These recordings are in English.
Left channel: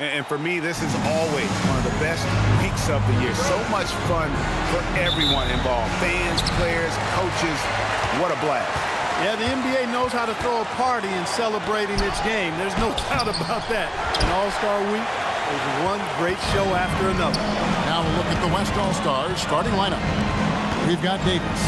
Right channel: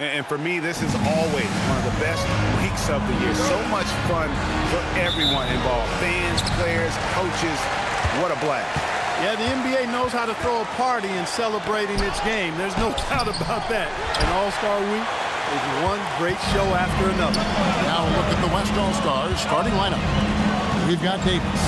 And for me, this is always one of the best weeks of the year. So much fun for everyone involved. Fans, players, coaches. What a blast. Yeah, the NBA knows how to throw a party in celebrating its game. There's no doubt about that. An All-Star week is one great show after another. Now a look at the West All-Stars starting lineup. We've got Davis.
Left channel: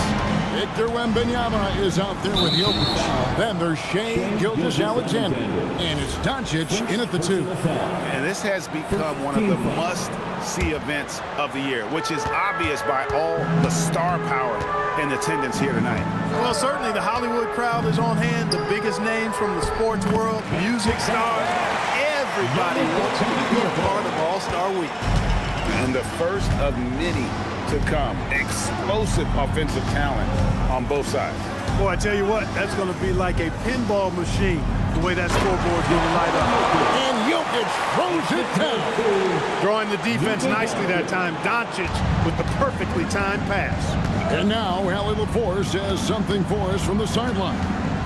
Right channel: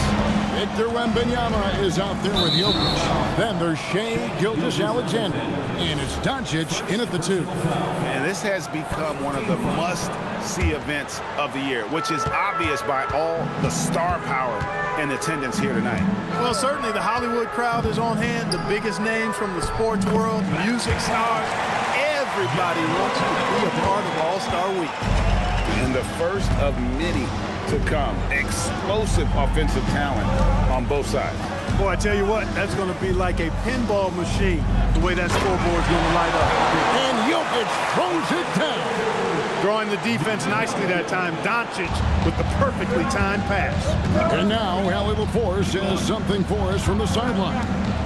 Victor Wembanyama is out there with Jokic. Then there's Shai Gilgeous-Alexander. And it's Doncic in at the 2. And this has become one of the must-see events of the year, which is obvious by all the star power in attendance here tonight. Well, certainly the Hollywood crowd is on hand. The biggest names from the sports world, music stars. Everybody wants to be a part of All-Star Week. And the first of many to come. Explosive offensive talent on both sides. Boy, I tell you what, that's going to be like a pinball machine, the way that scoreboard's going to light up. And Jokic throws it down. Drawing the defense nicely that time. Doncic with the perfectly timed pass. And now Allie LaForce has something for us from the sideline.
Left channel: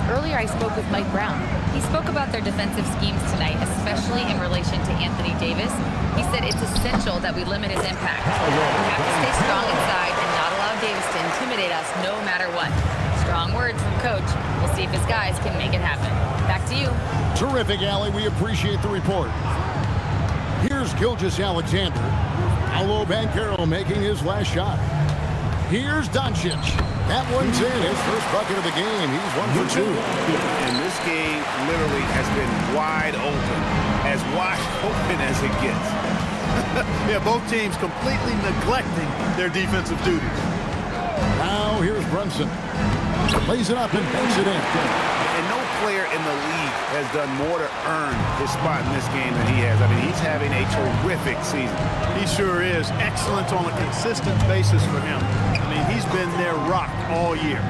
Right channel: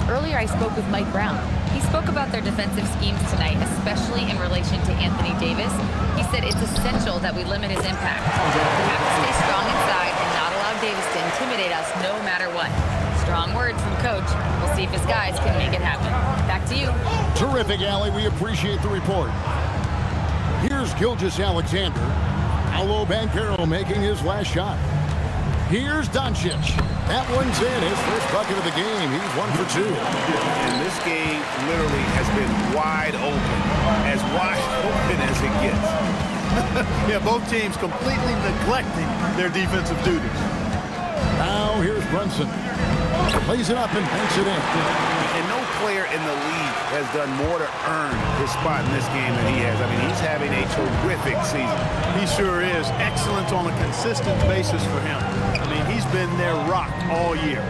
Earlier, I spoke with Mike Brown. He spoke about their defensive schemes tonight, especially in relation to Anthony Davis. He said it's essential that we limit his impact. We have to stay strong inside and not allow Davis to intimidate us no matter what. Strong words from Coach. We'll see if his guys can make it happen. Back to you. Terrific, Allie. We appreciate the report. Here's Gilgeous-Alexander. Paolo Banchero making his last shot. Here's Doncic. That one's in. His first bucket of the game. He's 1 for 2. And this game literally has been wide open as it gets. Yeah, both teams completely neglecting their defensive duties. Now here's Brunson. Lays it up and banks it in. And no player in the league has done more to earn his spot in this game than he has. I mean, he's having a terrific season. He sure is. Excellent on a consistent basis for him. I mean, he's been their rock all year.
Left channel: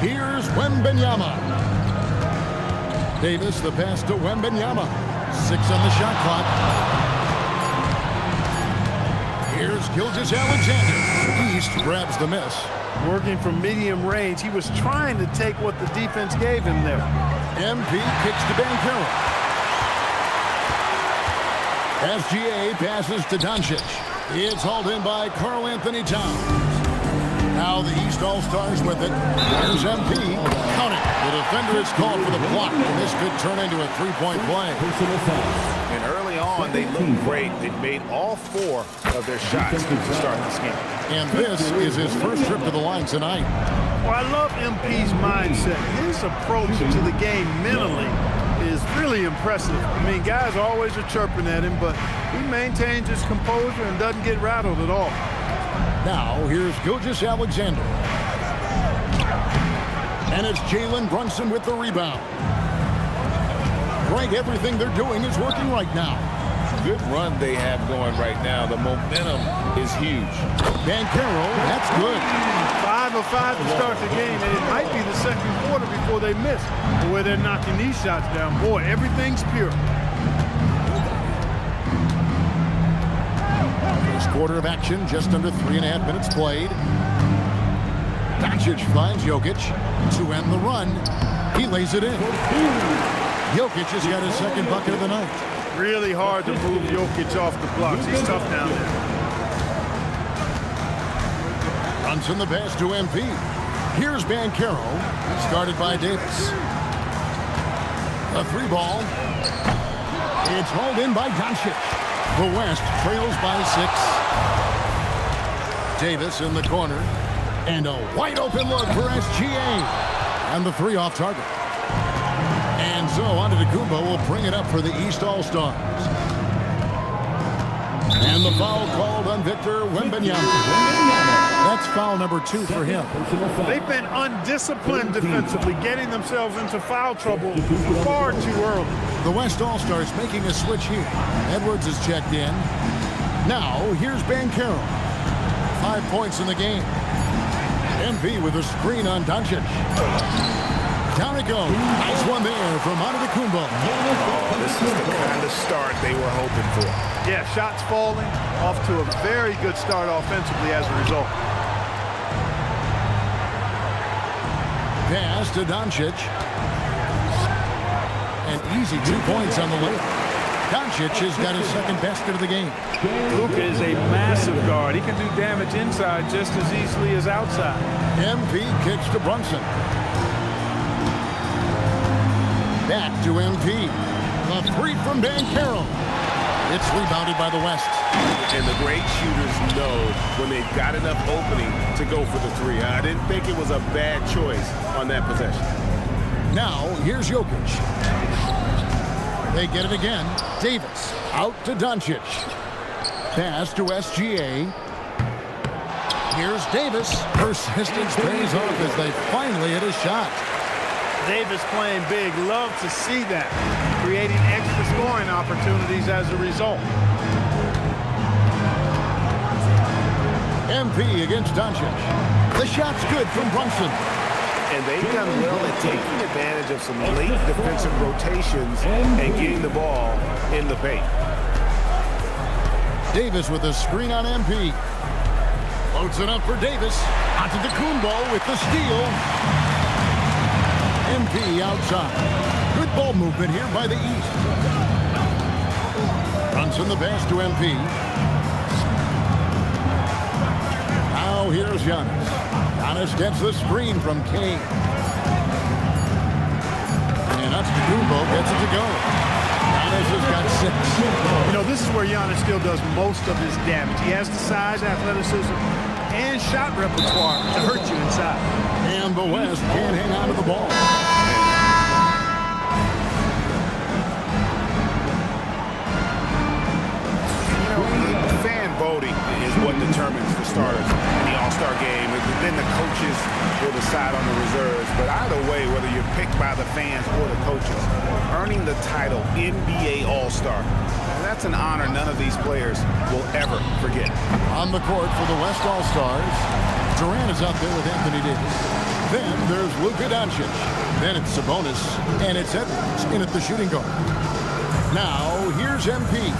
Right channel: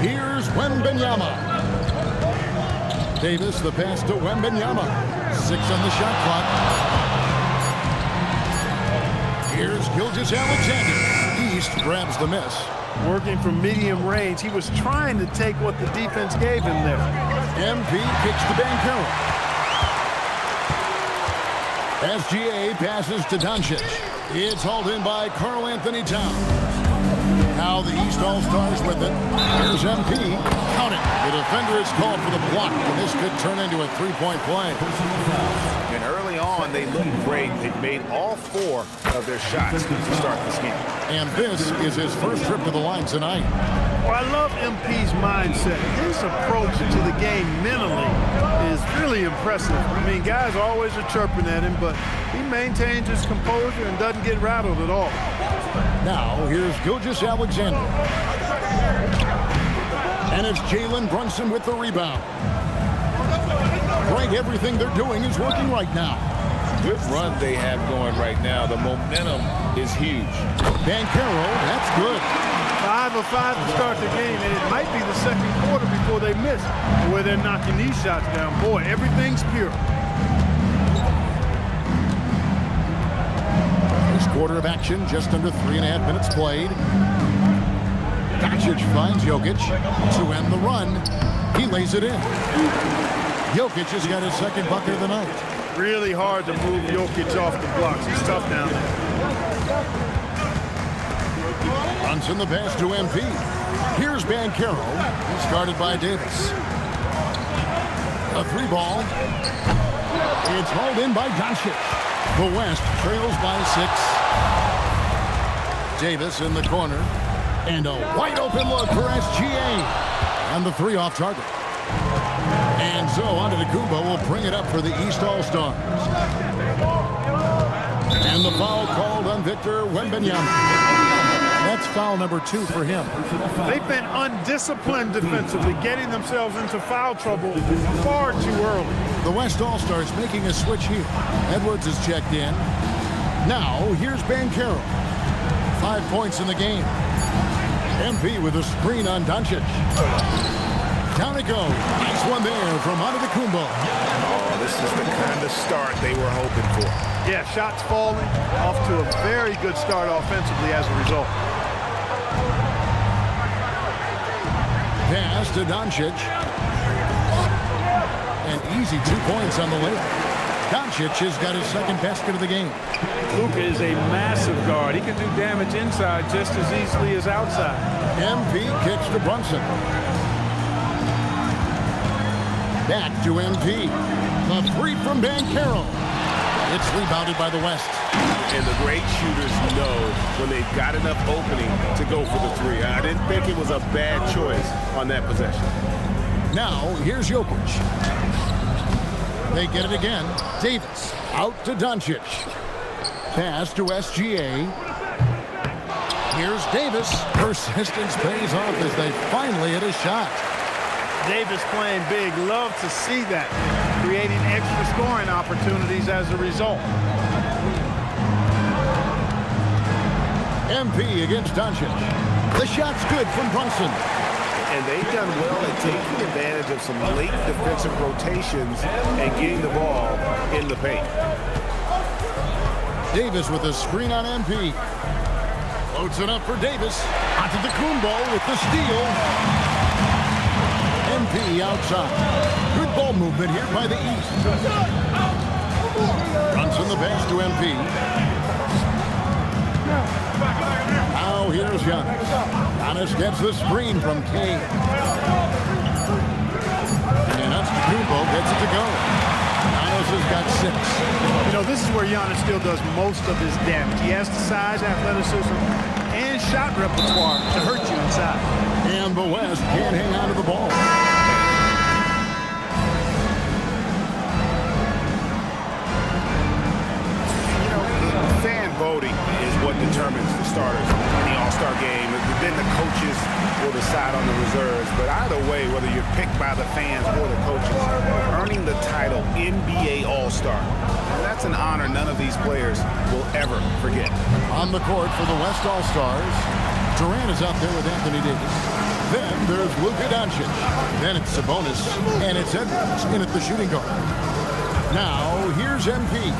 Here's Wembanyama. Davis, the pass to Wembanyama. 6 on the shot clock. Here's Gilgeous-Alexander. East grabs the miss. Working from medium range, he was trying to take what the defense gave him there. MP kicks to Banchero. SGA passes to Doncic. It's hauled in by Karl-Anthony Towns. Now the East All-Stars with it. There's MP. Count it. The defender is called for the block, and this could turn into a three-point play. And early on, they looked great. They've made all 4 of their shots to start this game. And this is his first trip to the line tonight. Well, I love MP's mindset. His approach to the game mentally is really impressive. I mean, guys always are chirping at him, but he maintains his composure and doesn't get rattled at all. Now, here's Gilgeous-Alexander. And it's Jalen Brunson with the rebound. Greg, everything they're doing is working right now. Good run they have going right now. The momentum is huge. Banchero, that's good. 5 of 5 to start the game, and it might be the second quarter before they miss. The way they're knocking these shots down, boy, everything's pure. First quarter of action, just under 3.5 minutes played. Doncic finds Jokic to end the run. He lays it in. Jokic has got his second bucket of the night. Really hard to move Jokic off the blocks. He's tough down there. Brunson the pass to MP. Here's Banchero. He's guarded by Davis. A 3-ball. It's hauled in by Doncic. The West trails by 6. Davis in the corner. And a wide open look for SGA. And the 3 off target. And so Antetokounmpo will bring it up for the East All-Stars. And the foul called on Victor Wembanyama. That's foul number 2 for him. They've been undisciplined defensively, getting themselves into foul trouble far too early. The West All-Stars making a switch here. Edwards is checked in. Now, here's Banchero. 5 points in the game. MP with a screen on Doncic. Down it goes. Nice one there from Antetokounmpo. Oh, this is the kind of start they were hoping for. Yeah, shots falling. Off to a very good start offensively as a result. Pass to Doncic. An easy 2 points on the layup. Doncic has got his second basket of the game. Luka is a massive guard. He can do damage inside just as easily as outside. MP kicks to Brunson. Back to MP. The three from Banchero. It's rebounded by the West. And the great shooters know when they've got enough opening to go for the three. I didn't think it was a bad choice on that possession. Now, here's Jokic. They get it again. Davis out to Doncic. Pass to SGA. Here's Davis. Persistence pays off as they finally hit a shot. Davis playing big. Love to see that. Creating extra scoring opportunities as a result. MP against Doncic. The shot's good from Brunson. And they've done well at taking advantage of some late defensive rotations and getting the ball in the paint. Davis with a screen on MP. Floats it up for Davis. Onto the Kumbo with the steal. MP outside. Good ball movement here by the East. Brunson the pass to MP. Now here's Giannis. Giannis gets the screen from Kane. And Antetokounmpo gets it to go. Giannis has got 6. You know, this is where Giannis still does most of his damage. He has the size, athleticism, and shot repertoire to hurt you inside. And the West can't hang on to the ball. You know, the fan voting is what determines the starters in the All-Star game. Then the coaches will decide on the reserves. But either way, whether you're picked by the fans or the coaches, earning the title NBA All-Star, that's an honor none of these players will ever forget. On the court for the West All-Stars, Durant is out there with Anthony Davis. Then there's Luka Doncic. Then it's Sabonis. And it's Edwards in at the shooting guard. Now, here's MP.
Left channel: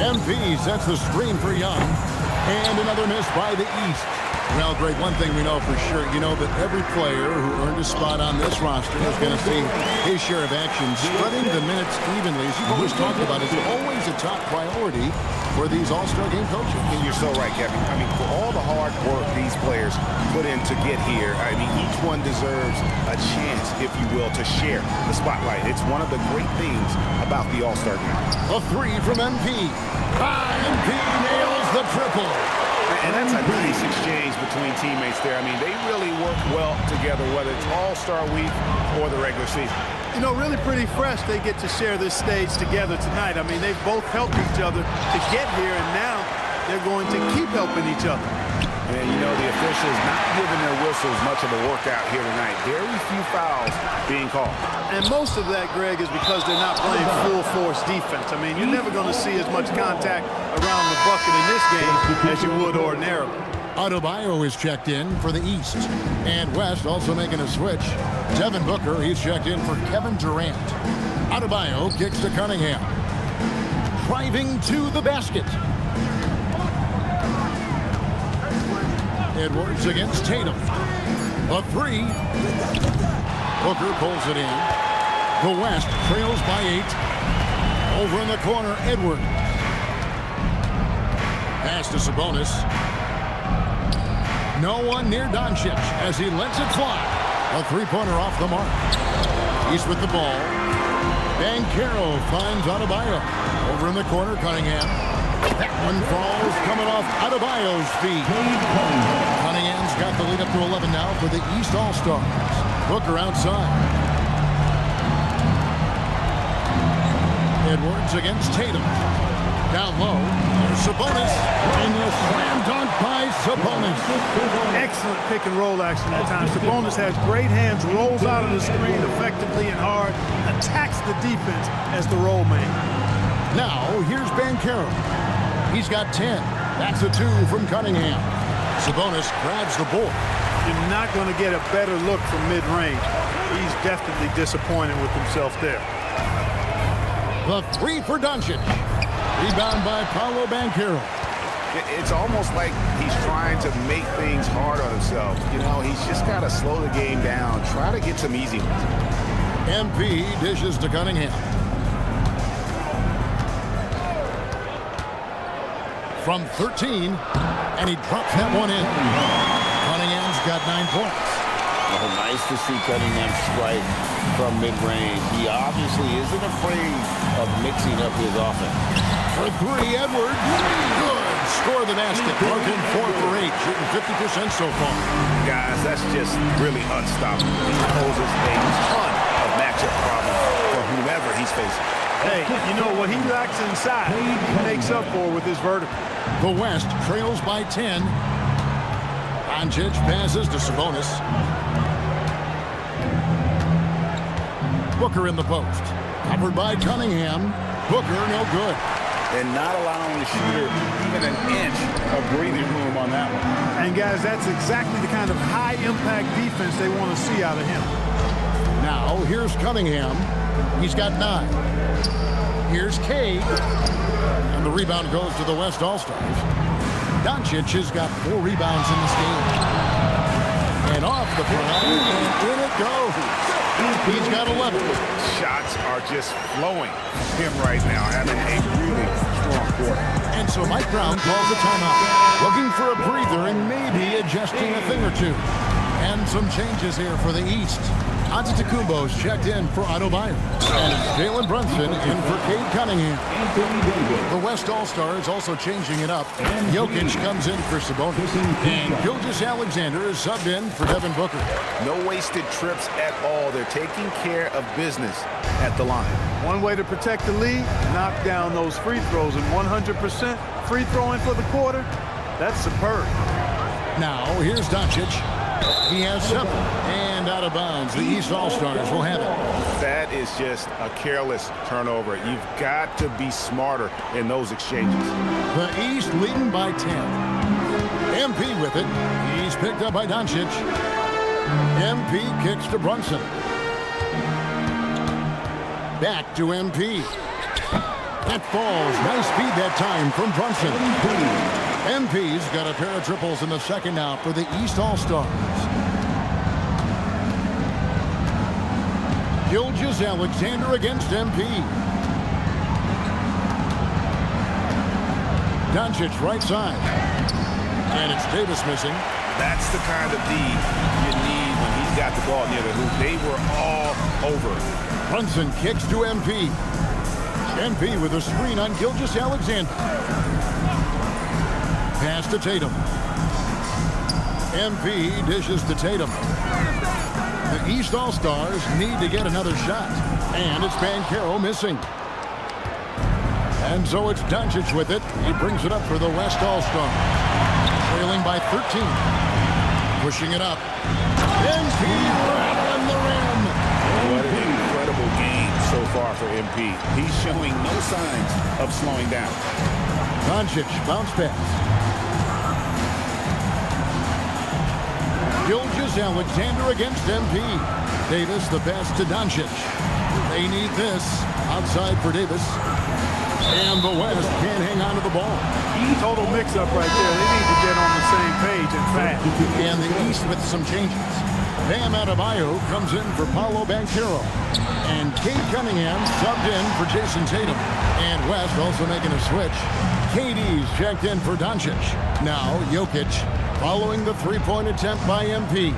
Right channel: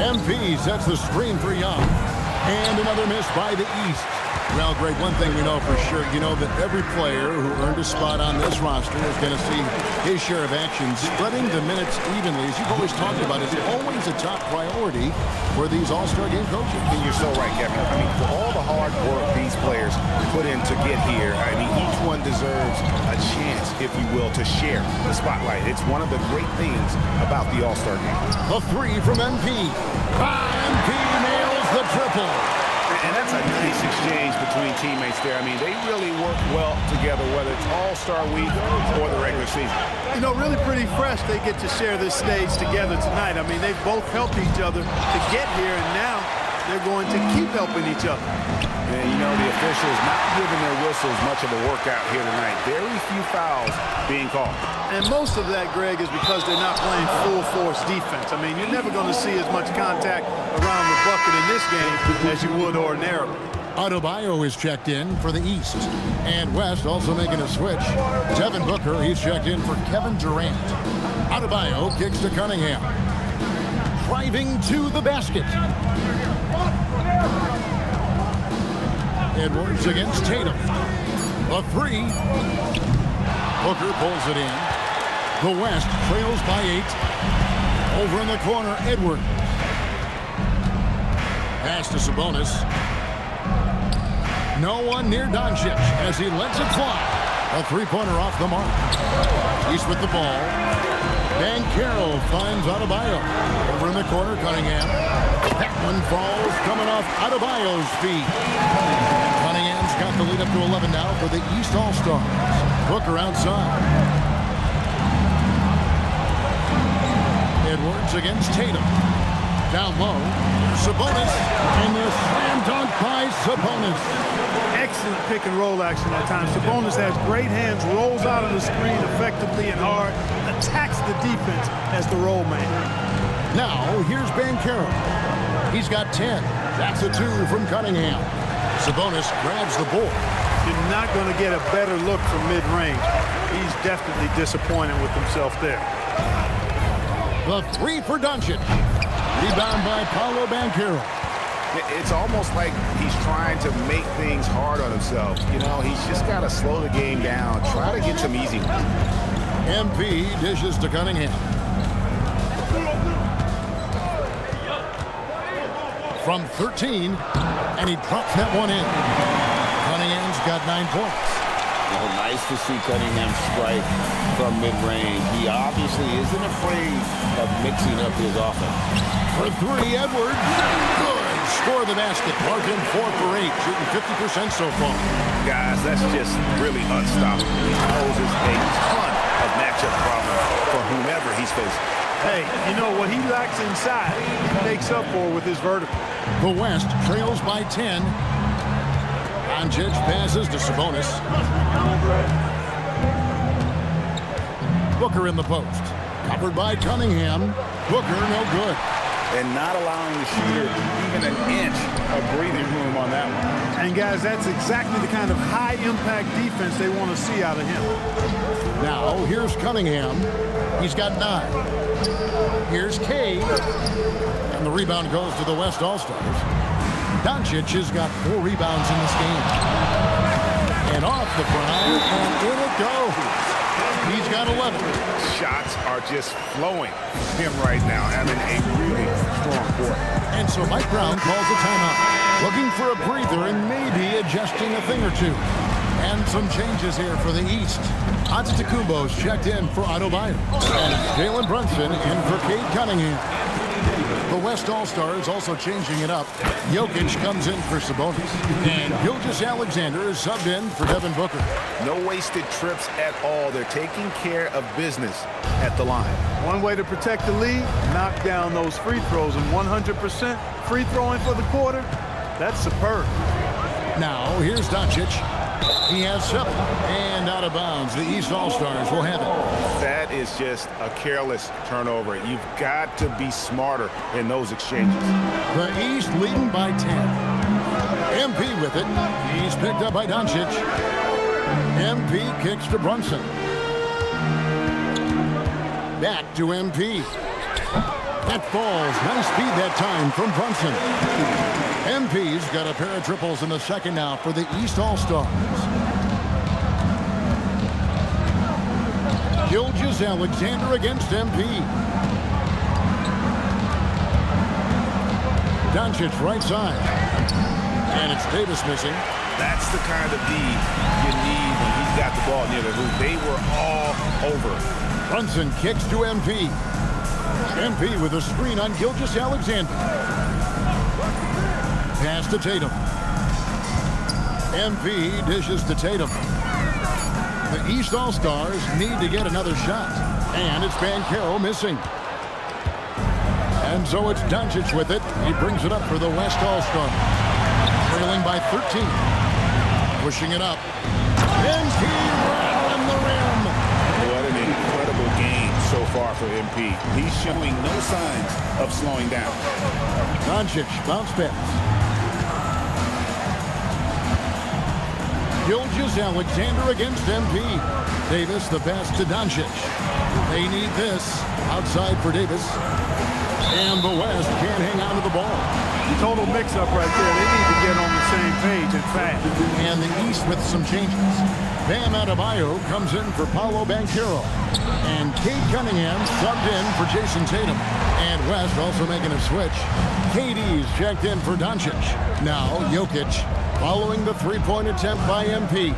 MP sets the screen for Young. And another miss by the East. Well, Greg, one thing we know for sure, you know that every player who earned a spot on this roster is going to see his share of action. Spreading the minutes evenly, as you've always talked about, is always a top priority for these All-Star game coaches. And you're so right, Kevin. I mean, for all the hard work these players put in to get here, I mean, each one deserves a chance, if you will, to share the spotlight. It's one of the great things about the All-Star game. A three from MP. MP nails the triple. And that's a nice exchange between teammates there. I mean, they really work well together, whether it's All-Star Week or the regular season. You know, really pretty fresh they get to share this stage together tonight. I mean, they've both helped each other to get here, and now they're going to keep helping each other. And, you know, the officials not giving their whistles much of a workout here tonight. Very few fouls being called. And most of that, Greg, is because they're not playing full-force defense. I mean, you're never going to see as much contact around the bucket in this game as you would ordinarily. Adebayo is checked in for the East. And West also making a switch. Devin Booker, he's checked in for Kevin Durant. Adebayo kicks to Cunningham. Driving to the basket. Edwards against Tatum. A three. Booker pulls it in. The West trails by 8. Over in the corner, Edwards. Pass to Sabonis. No one near Doncic as he lets it fly. A three-pointer off the mark. East with the ball. Banchero finds Adebayo. Over in the corner, Cunningham. That one falls coming off Adebayo's feet. Cunningham's got the lead up to 11 now for the East All-Stars. Booker outside. Edwards against Tatum. Down low. There's Sabonis. And the slam dunk by Sabonis. Excellent pick and roll action at times. Sabonis has great hands, rolls out of the screen effectively and hard, attacks the defense as the roll man. Now, here's Banchero. He's got 10. That's a 2 from Cunningham. Sabonis grabs the board. You're not going to get a better look from mid-range. He's definitely disappointed with himself there. The 3 for Doncic. Rebound by Paolo Banchero. It's almost like he's trying to make things hard on himself. You know, he's just got to slow the game down. Try to get some easy ones. MP dishes to Cunningham. from 13, and he drops that one in. Cunningham's got 9 points. Oh, nice to see Cunningham strike from mid-range. He obviously isn't afraid of mixing up his offense. For 3, Edwards. Good. Score the basket. Marking 4 for 8, shooting 50% so far. Guys, that's just really unstoppable. He poses a ton of matchup problems for whomever he's facing. Hey, you know what he lacks inside, he makes up for with his vertical. The West trails by 10. Doncic passes to Sabonis. Booker in the post. Covered by Cunningham. Booker no good. And not allowing the shooter even an inch of breathing room on that one. And guys, that's exactly the kind of high-impact defense they want to see out of him. Now, here's Cunningham. He's got 9. Here's Cade. And the rebound goes to the West All-Stars. Doncic has got 4 rebounds in this game. And off the prime, and in it goes. He's got 11. Shots are just flowing from him right now, having a really strong quarter. And so Mike Brown calls a timeout, looking for a breather and maybe adjusting a thing or two. And some changes here for the East. Antetokounmpo's checked in for Adebayo. And Jalen Brunson in for Cade Cunningham. The West All-Stars also changing it up. Jokic comes in for Sabonis. And Gilgeous-Alexander is subbed in for Devin Booker. No wasted trips at all. They're taking care of business at the line. One way to protect the lead, knock down those free throws, and 100% free throwing for the quarter, that's superb. Now, here's Doncic. He has 7, and out of bounds. The East All-Stars will have it. That is just a careless turnover. You've got to be smarter in those exchanges. The East leading by 10. MP with it. He's picked up by Doncic. MP kicks to Brunson. Back to MP. That falls. Nice speed that time from Brunson. MP's got a pair of triples in the second now for the East All-Stars. Gilgeous-Alexander against MP. Doncic right side. And it's Davis missing. That's the kind of D you need when he's got the ball near the hoop. They were all over it. Brunson kicks to MP. MP with a screen on Gilgeous-Alexander. Pass to Tatum. MP dishes to Tatum. The East All-Stars need to get another shot. And it's Banchero missing. And so it's Doncic with it. He brings it up for the West All-Stars. Trailing by 13. Pushing it up. MP rattling the rim. What an incredible game so far for MP. He's showing no signs of slowing down. Doncic bounce pass. Gilgeous-Alexander against MP. Davis the pass to Doncic. They need this. Outside for Davis. And the West can't hang on to the ball. Total mix-up right there. They need to get on the same page and fast. And the East with some changes. Bam Adebayo comes in for Paolo Banchero. And Cade Cunningham subbed in for Jason Tatum. And West also making a switch. KD's checked in for Doncic. Now Jokic following the three-point attempt by MP.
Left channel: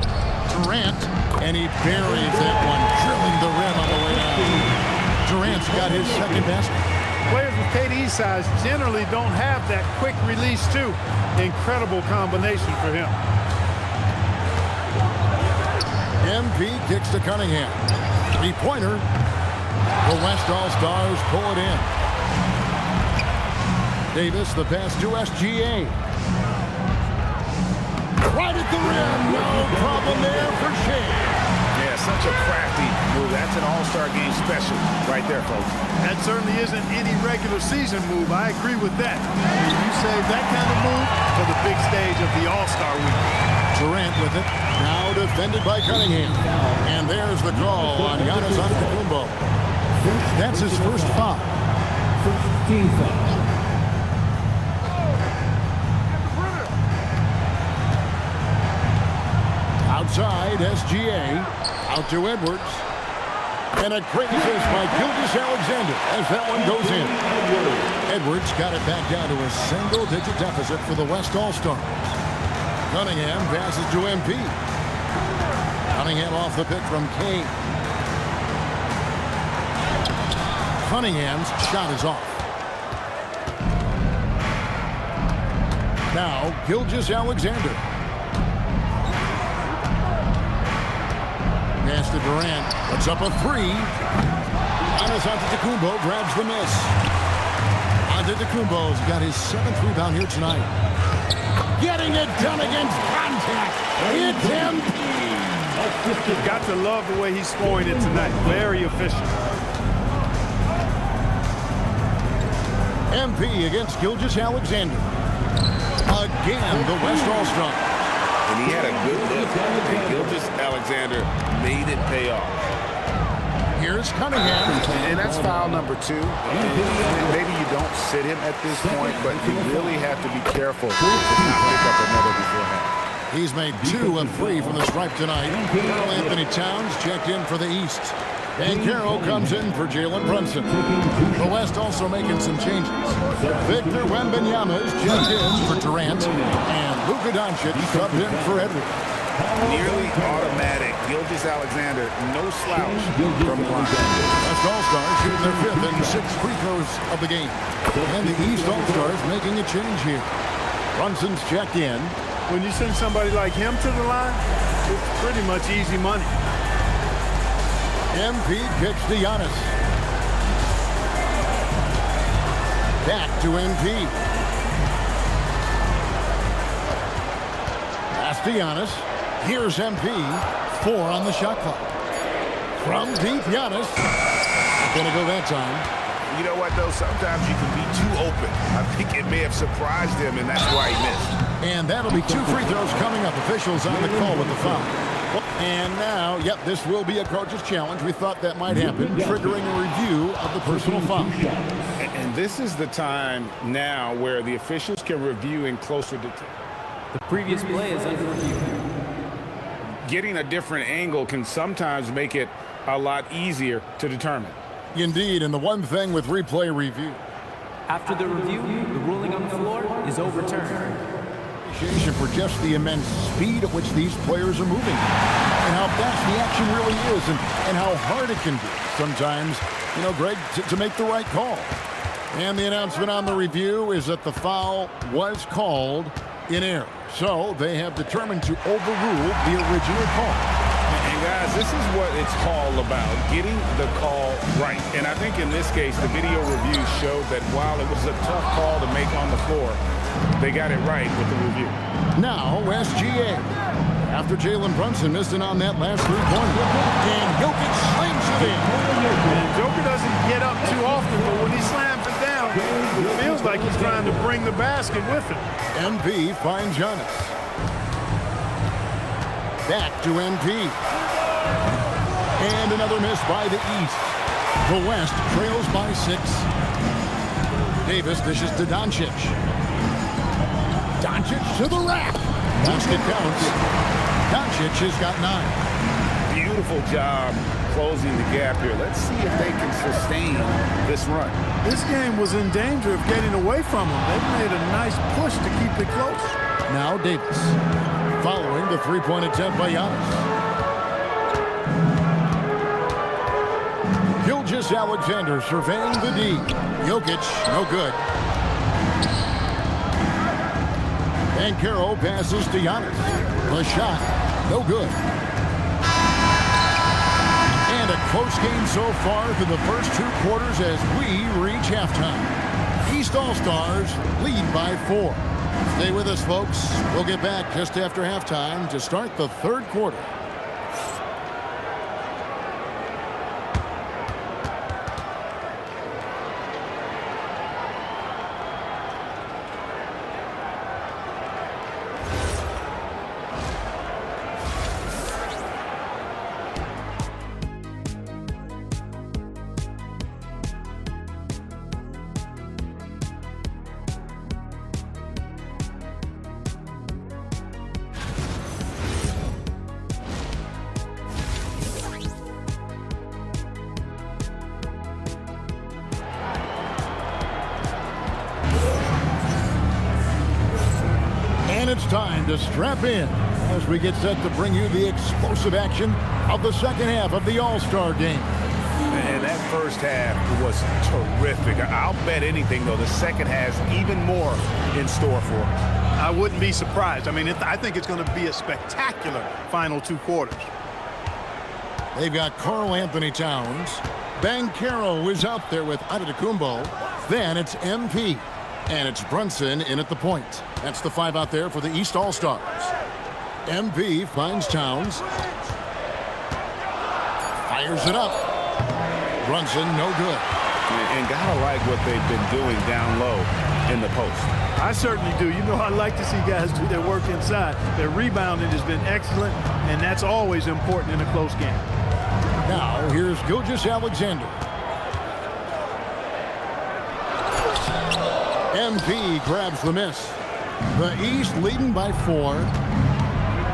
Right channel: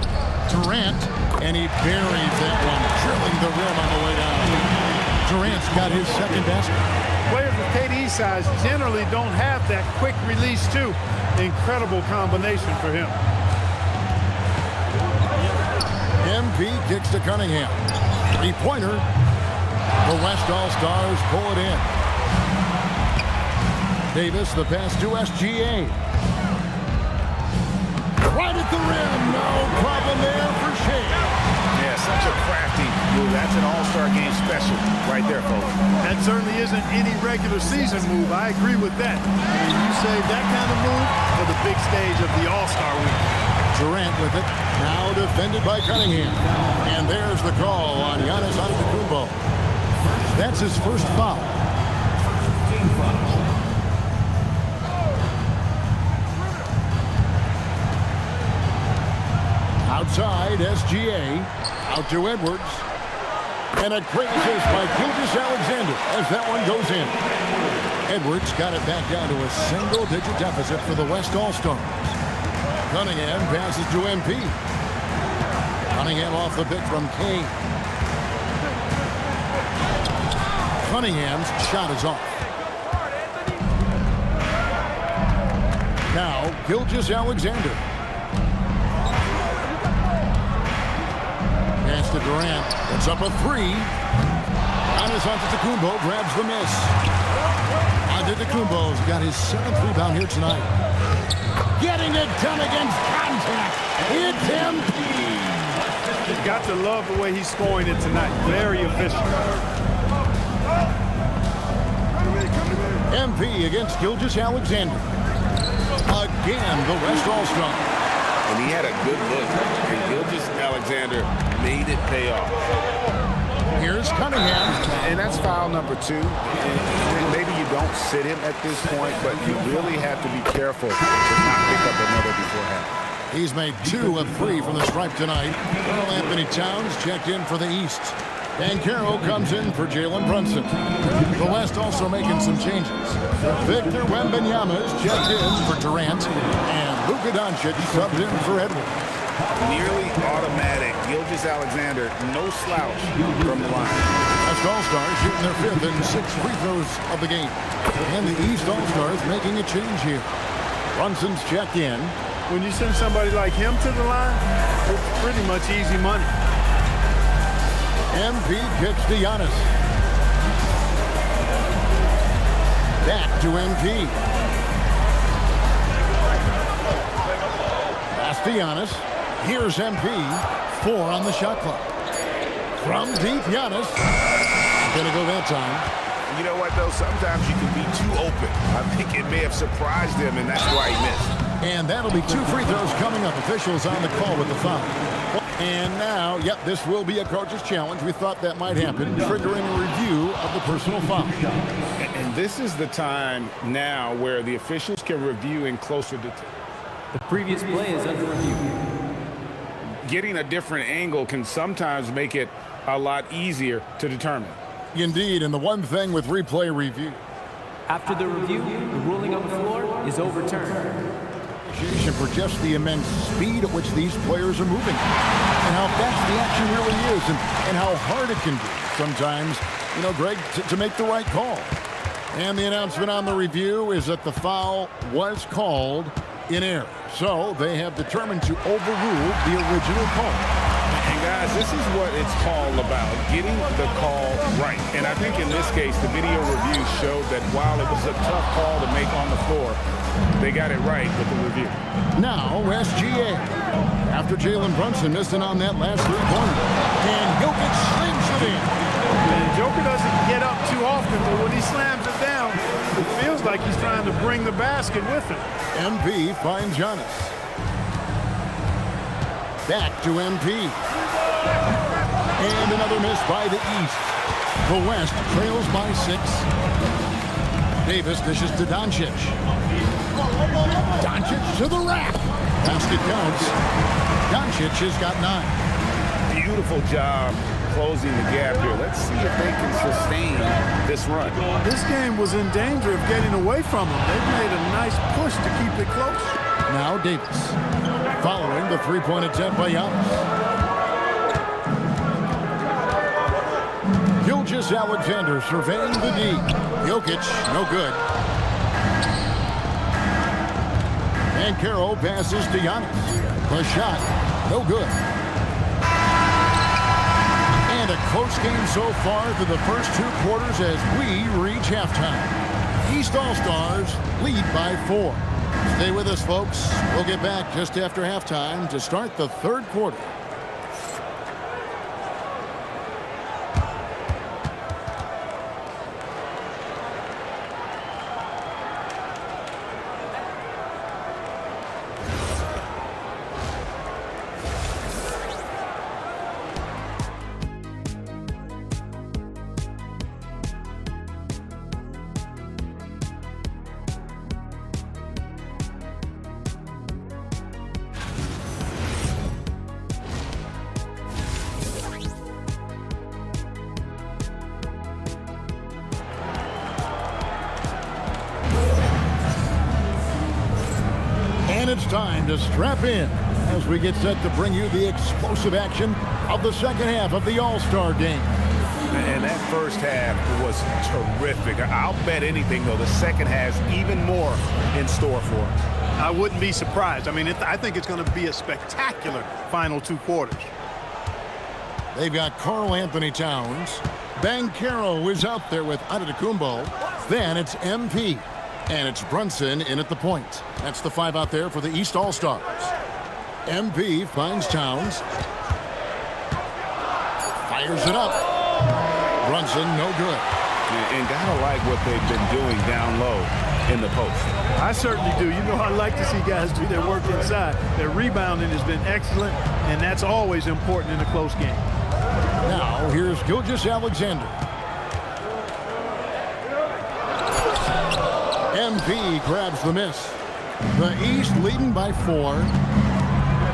Durant, and he buries that one, drilling the rim on the way down. Durant's got his second basket. Players with KD's size generally don't have that quick release too. Incredible combination for him. MP kicks to Cunningham. Three-pointer. The West All-Stars pull it in. Davis the pass to SGA. Right at the rim. No problem there for Shea. Yeah, such a crafty move. That's an all-star game special right there, folks. That certainly isn't any regular season move. I agree with that. I mean, you save that kind of move for the big stage of the All-Star week. Durant with it. Now defended by Cunningham. And there's the call on Giannis Antetokounmpo. That's his first foul. First team foul. Outside, SGA. Out to Edwards. And a great assist by Gilgeous-Alexander as that one goes in. Edwards got it back down to a single-digit deficit for the West All-Stars. Cunningham passes to MP. Cunningham off the pick from Kane. Cunningham's shot is off. Now, Gilgeous-Alexander. Pass to Durant. Puts up a three. Giannis Antetokounmpo grabs the miss. Antetokounmpo's got his 7th rebound here tonight. Getting it done against contact. It's MP. You've got to love the way he's scoring it tonight. Very efficient. MP against Gilgeous-Alexander. Again, the West All-Star. And he had a good look, and Gilgeous-Alexander made it pay off. Here's Cunningham. And that's foul number 2. And maybe you don't sit him at this point, but you really have to be careful to not pick up another before half. He's made 2 of 3 from the stripe tonight. Karl Anthony Towns checked in for the East. Banchero comes in for Jalen Brunson. The West also making some changes. Victor Wembanyama is checked in for Durant. And Luka Doncic subbed in for Edwards. Nearly automatic. Gilgeous-Alexander, no slouch from the line. West All-Stars shooting their 5th and 6th free throws of the game. And the East All-Stars making a change here. Brunson's checked in. When you send somebody like him to the line, it's pretty much easy money. MP kicks to Giannis. Back to MP. Pass to Giannis. Here's MP. 4 on the shot clock. From deep, Giannis. Not gonna go that time. You know what, though? Sometimes you can be too open. I think it may have surprised him, and that's why he missed. And that'll be 2 free throws coming up. Officials on the call with the foul. And now, yep, this will be a coach's challenge. We thought that might happen, triggering a review of the personal foul. And this is the time now where the officials can review in closer detail. The previous play is under review. Getting a different angle can sometimes make it a lot easier to determine. Indeed, and the one thing with replay review. After the review, the ruling on the floor is overturned. Appreciation for just the immense speed at which these players are moving and how fast the action really is and how hard it can be sometimes, you know, Greg, to make the right call. And the announcement on the review is that the foul was called in error. So they have determined to overrule the original call. And guys, this is what it's all about, getting the call right. And I think in this case, the video review showed that while it was a tough call to make on the floor, they got it right with the review. Now, SGA. After Jalen Brunson missing on that last three-pointer. And Jokic slings it in. And Joker doesn't get up too often, but when he slams it down, it feels like he's trying to bring the basket with him. MP finds Giannis. Back to MP. And another miss by the East. The West trails by 6. Davis dishes to Doncic. Doncic to the rack. Basket counts. Doncic has got 9. Beautiful job closing the gap here. Let's see if they can sustain this run. This game was in danger of getting away from them. They've made a nice push to keep it close. Now Davis. Following the three-point attempt by Giannis. Gilgeous-Alexander surveying the D. Jokic, no good. Banchero passes to Giannis. The shot, no good. And a close game so far through the first 2 quarters as we reach halftime. East All-Stars lead by 4. Stay with us, folks. We'll get back just after halftime to start the 3rd quarter. And it's time to strap in as we get set to bring you the explosive action of the second half of the All-Star game. And that first half was terrific. I'll bet anything, though, the second has even more in store for us. I wouldn't be surprised. I mean, I think it's going to be a spectacular final 2 quarters. They've got Karl Anthony Towns. Banchero is out there with Antetokounmpo. Then it's MP. And it's Brunson in at the point. That's the 5 out there for the East All-Stars. MP finds Towns. Fires it up. Brunson, no good. And gotta like what they've been doing down low in the post. I certainly do. You know, I like to see guys do their work inside. Their rebounding has been excellent, and that's always important in a close game. Now, here's Gilgeous-Alexander. MP grabs the miss. The East leading by 4.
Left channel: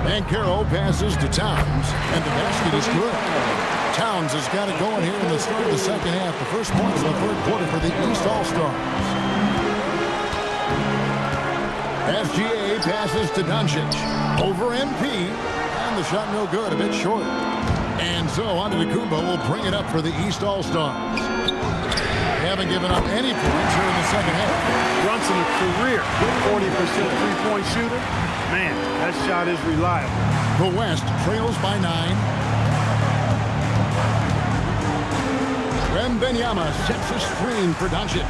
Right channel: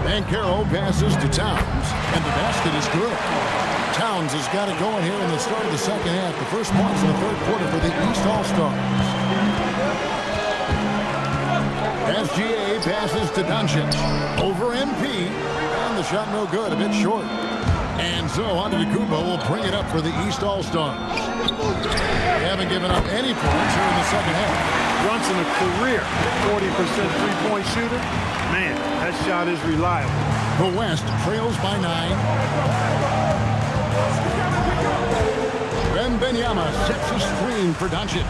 Banchero passes to Towns, and the basket is good. Towns has got it going here in the start of the second half. The first points in the third quarter for the East All-Stars. SGA passes to Doncic. Over MP, and the shot no good, a bit short. And so Antetokounmpo will bring it up for the East All-Stars. They haven't given up any points here in the second half. Brunson, a career 40% three-point shooter. Man, that shot is reliable. The West trails by 9. Wembanyama sets a screen for Doncic.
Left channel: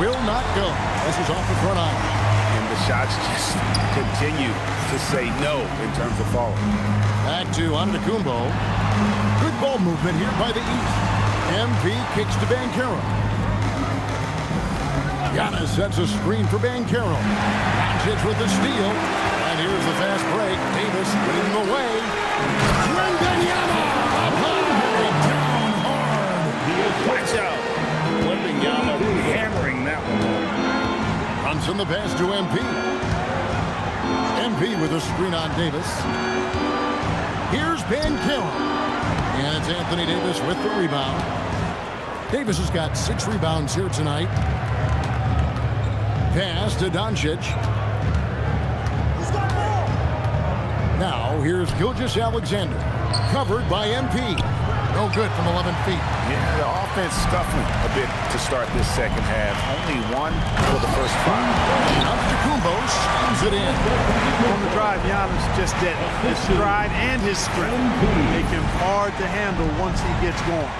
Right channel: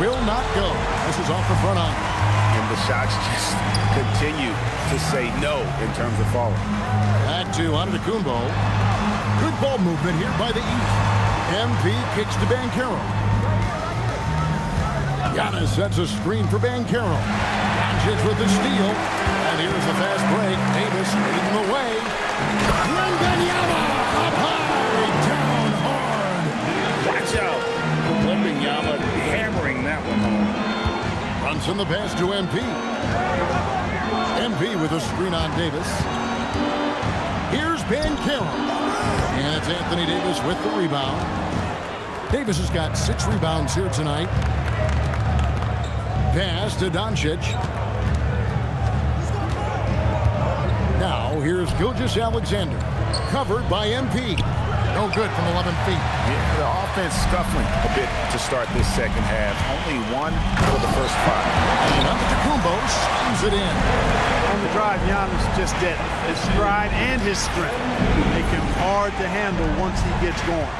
Will not go. This is off the front iron. And the shots just continue to say no in terms of falling. Back to Antetokounmpo. Good ball movement here by the East. MP kicks to Banchero. Giannis sets a screen for Banchero. Doncic with the steal. And here's the fast break. Davis leading the way. Wembanyama up high, down hard. Watch out. Wembanyama hammering that one home. Brunson the pass to MP. MP with a screen on Davis. Here's Banchero. And it's Anthony Davis with the rebound. Davis has got 6 rebounds here tonight. Pass to Doncic. Now here's Gilgeous-Alexander. Covered by MP. No good from 11 feet. Yeah, the offense scuffling a bit to start this second half. Only 1 for the first 5. And Antetokounmpo slams it in. On the drive, Giannis just dead. His stride and his strength make him hard to handle once he gets going.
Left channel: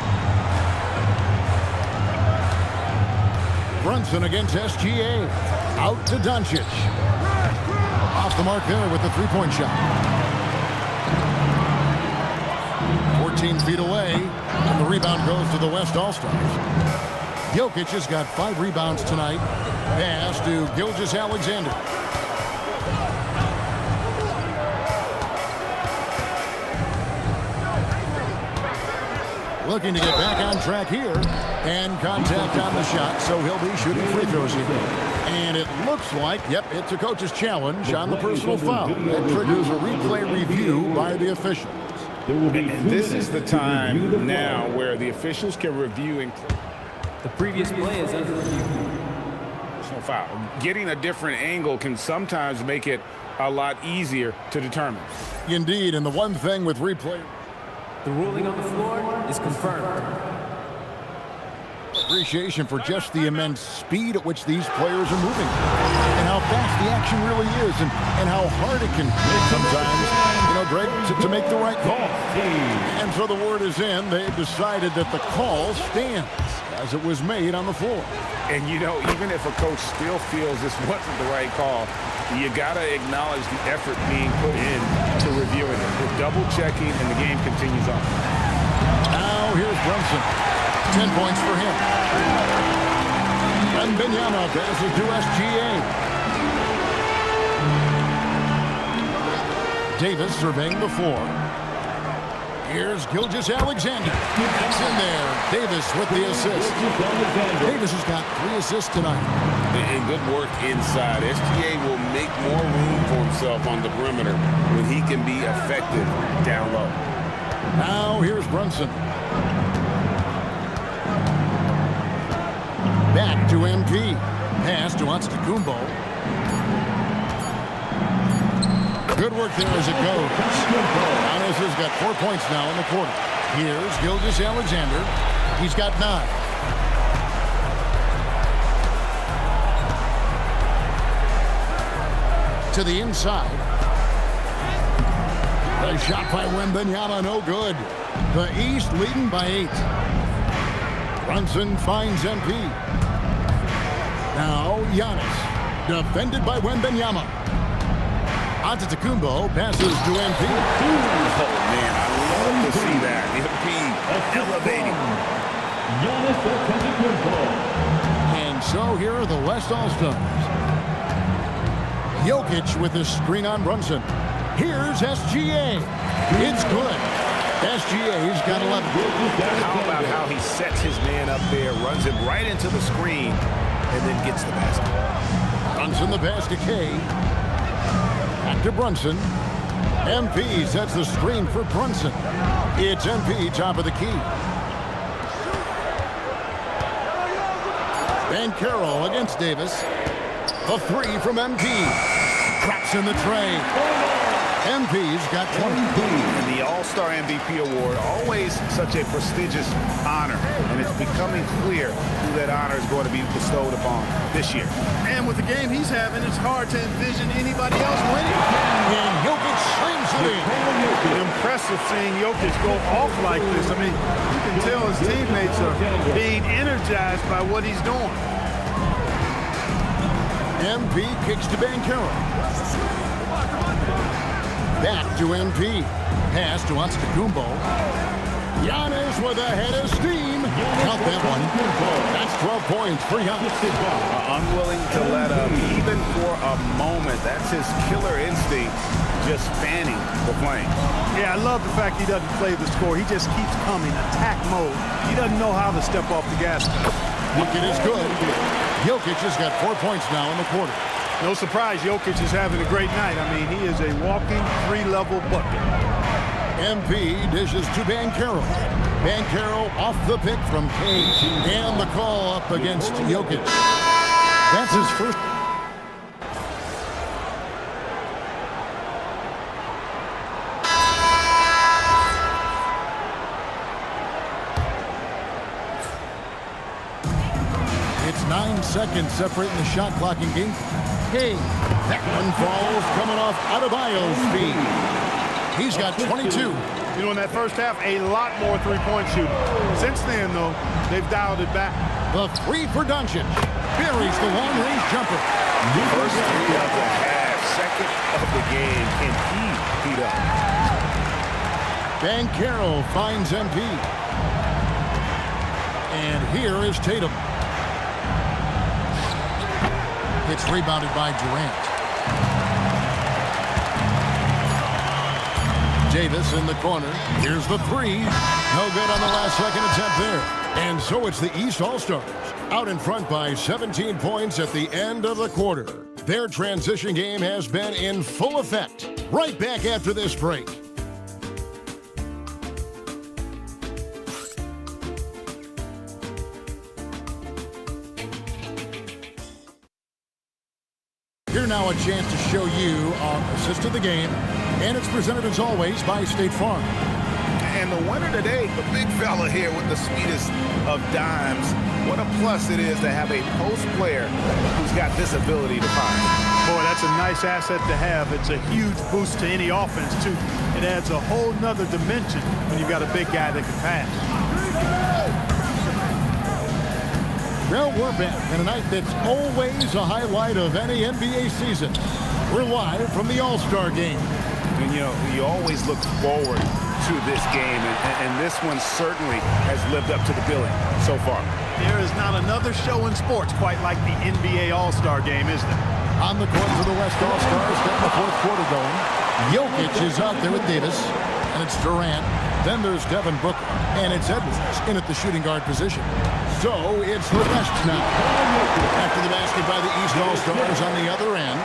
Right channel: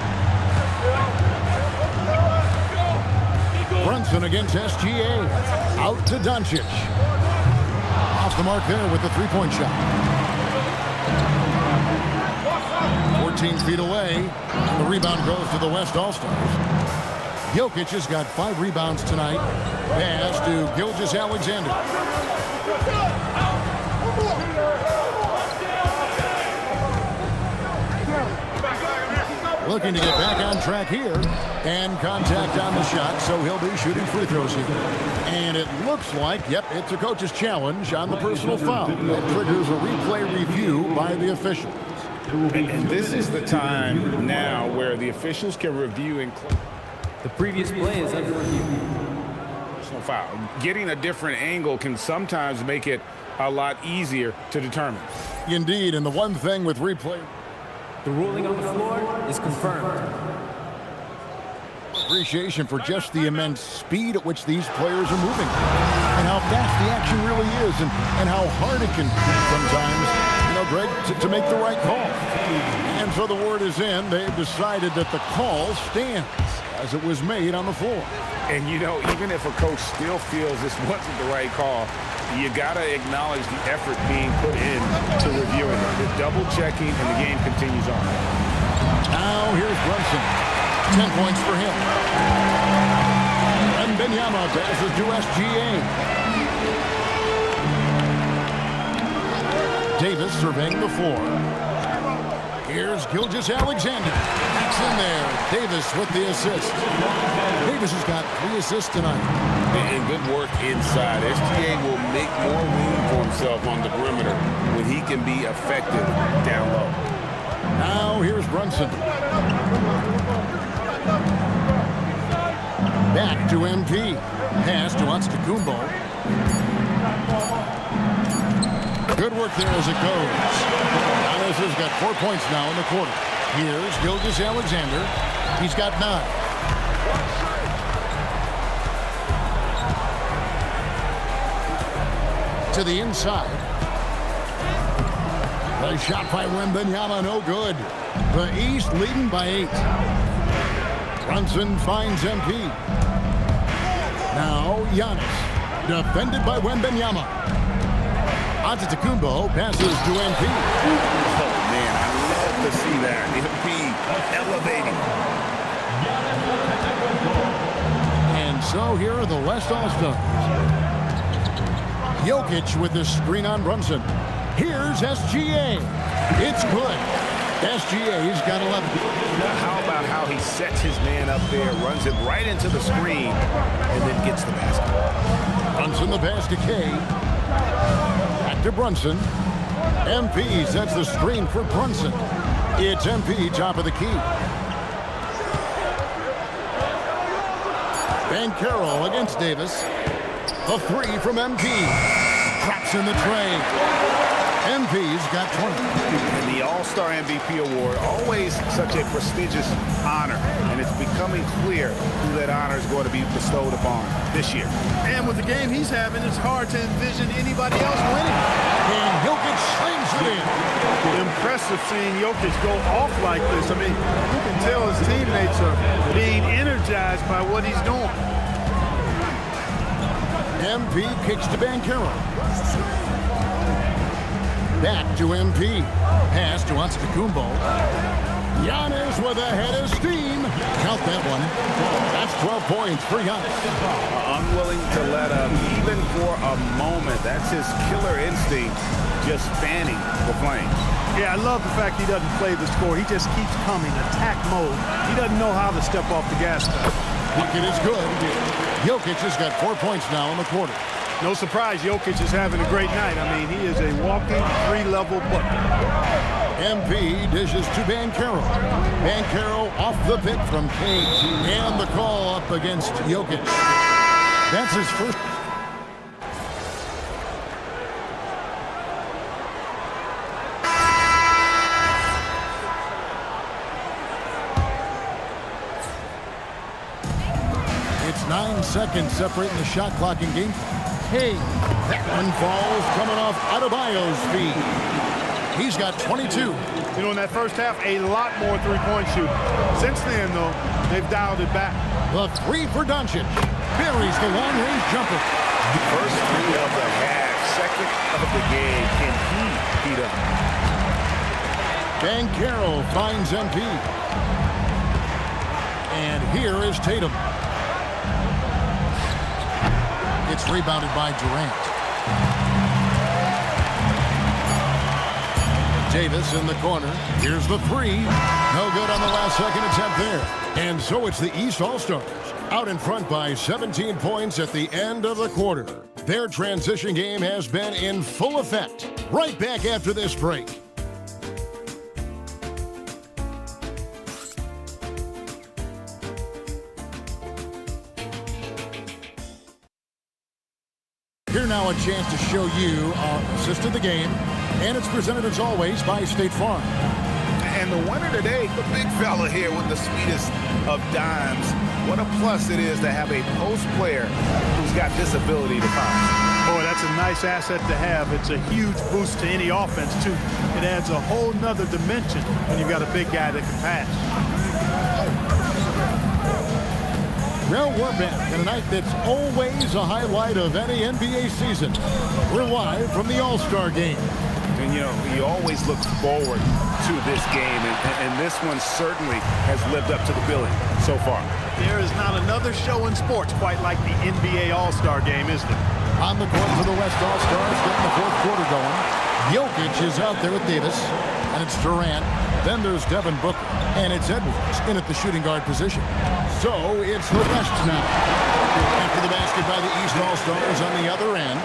Brunson against SGA. Out to Doncic. Off the mark there with the three-point shot. 14 feet away. And the rebound goes to the West All-Stars. Jokic has got 5 rebounds tonight. Pass to Gilgeous-Alexander. Looking to get back on track here. And contact on the shot, so he'll be shooting free throws here. And it looks like, yep, it's a coach's challenge on the personal foul. That triggers a replay review by the officials. And this is the time now where the officials can review and The previous play is under review. personal foul. Getting a different angle can sometimes make it a lot easier to determine. Indeed, and the one thing with replay... The ruling on the floor is confirmed. Appreciation for just the immense speed at which these players are moving and how fast the action really is and how hard it can be sometimes, you know, Greg, to make the right call. And so the word is in. They've decided that the call stands as it was made on the floor. And, you know, even if a coach still feels this wasn't the right call, you got to acknowledge the effort being put in to reviewing it. The double-checking, and the game continues on. Now here's Brunson. 10 points for him. Wembanyama passes to SGA. Davis surveying the floor. Here's Gilgeous-Alexander. That's in there. Davis with the assist. Davis has got 3 assists tonight. And good work inside. SGA will make more room for himself on the perimeter when he can be effective down low. Now here's Brunson. Back to MP. Pass to Antetokounmpo. Good work there as it goes. Giannis has got 4 points now in the quarter. Here's Gilgeous-Alexander. He's got 9. To the inside. The shot by Wembanyama, no good. The East leading by 8. Brunson finds MP. Now Giannis, defended by Wembanyama. Antetokounmpo passes to MP. Oh, man, I love to see that. MP elevating. And so here are the West All-Stars. Jokic with his screen on Brunson. Here's SGA. It's good. SGA's got 11. How about how he sets his man up there, runs him right into the screen, and then gets the basket. Brunson the pass to K. Back to Brunson. MP sets the screen for Brunson. It's MP top of the key. Banchero against Davis. The 3 from MP. Drops in the tray. MP's got 20. And the All-Star MVP award, always such a prestigious honor, and it's becoming clear who that honor is going to be bestowed upon this year. And with the game he's having, it's hard to envision anybody else winning. And Jokic slams it in. Impressive seeing Jokic go off like this. I mean, you can tell his teammates are being energized by what he's doing. MP kicks to Banchero. Back to MP. Pass to Antetokounmpo. Giannis with a head of steam. Count that one. That's 12 points for Giannis. Unwilling to let up even for a moment. That's his killer instinct, just fanning the flame. Yeah, I love the fact he doesn't play the score. He just keeps coming, attack mode. He doesn't know how to step off the gas pedal. Bucket is good. Jokic has got 4 points now in the quarter. No surprise, Jokic is having a great night. I mean, he is a walking 3-level bucket. MP dishes to Banchero. Banchero off the pick from K. And the call up against Jokic. That's his first. It's 9 seconds separating the shot clock and game clock. Hey, that one falls coming off Adebayo's feet. He's got 22. You know, in that first half, a lot more three-point shooting. Since then, though, they've dialed it back. The 3 for Doncic. Buries the long-range jumper. First 3 of the half, second of the game. Can he heat up? Banchero finds MP. And here is Tatum. It's rebounded by Durant. Davis in the corner. Here's the 3. No good on the last second attempt there. And so it's the East All-Stars out in front by 17 points at the end of the quarter. Their transition game has been in full effect. Right back after this break. Here now a chance to show you our assist of the game, and it's presented as always by State Farm. And the winner today, the big fella here with the sweetest of dimes. What a plus it is to have a post player who's got this ability to find. Boy, that's a nice asset to have. It's a huge boost to any offense, too. It adds a whole nother dimension when you've got a big guy that can pass. Well, we're back in a night that's always a highlight of any NBA season. We're live from the All-Star Game. And, you know, you always look forward to this game, and this one certainly has lived up to the billing so far. There is not another show in sports quite like the NBA All-Star Game, is there? On the court for the West All-Stars, getting the fourth quarter going. Jokic is out there with Davis, and it's Durant. Then there's Devin Booker, and it's Edwards in at the shooting guard position. So it's the West now. After the basket by the East All-Stars on the other end.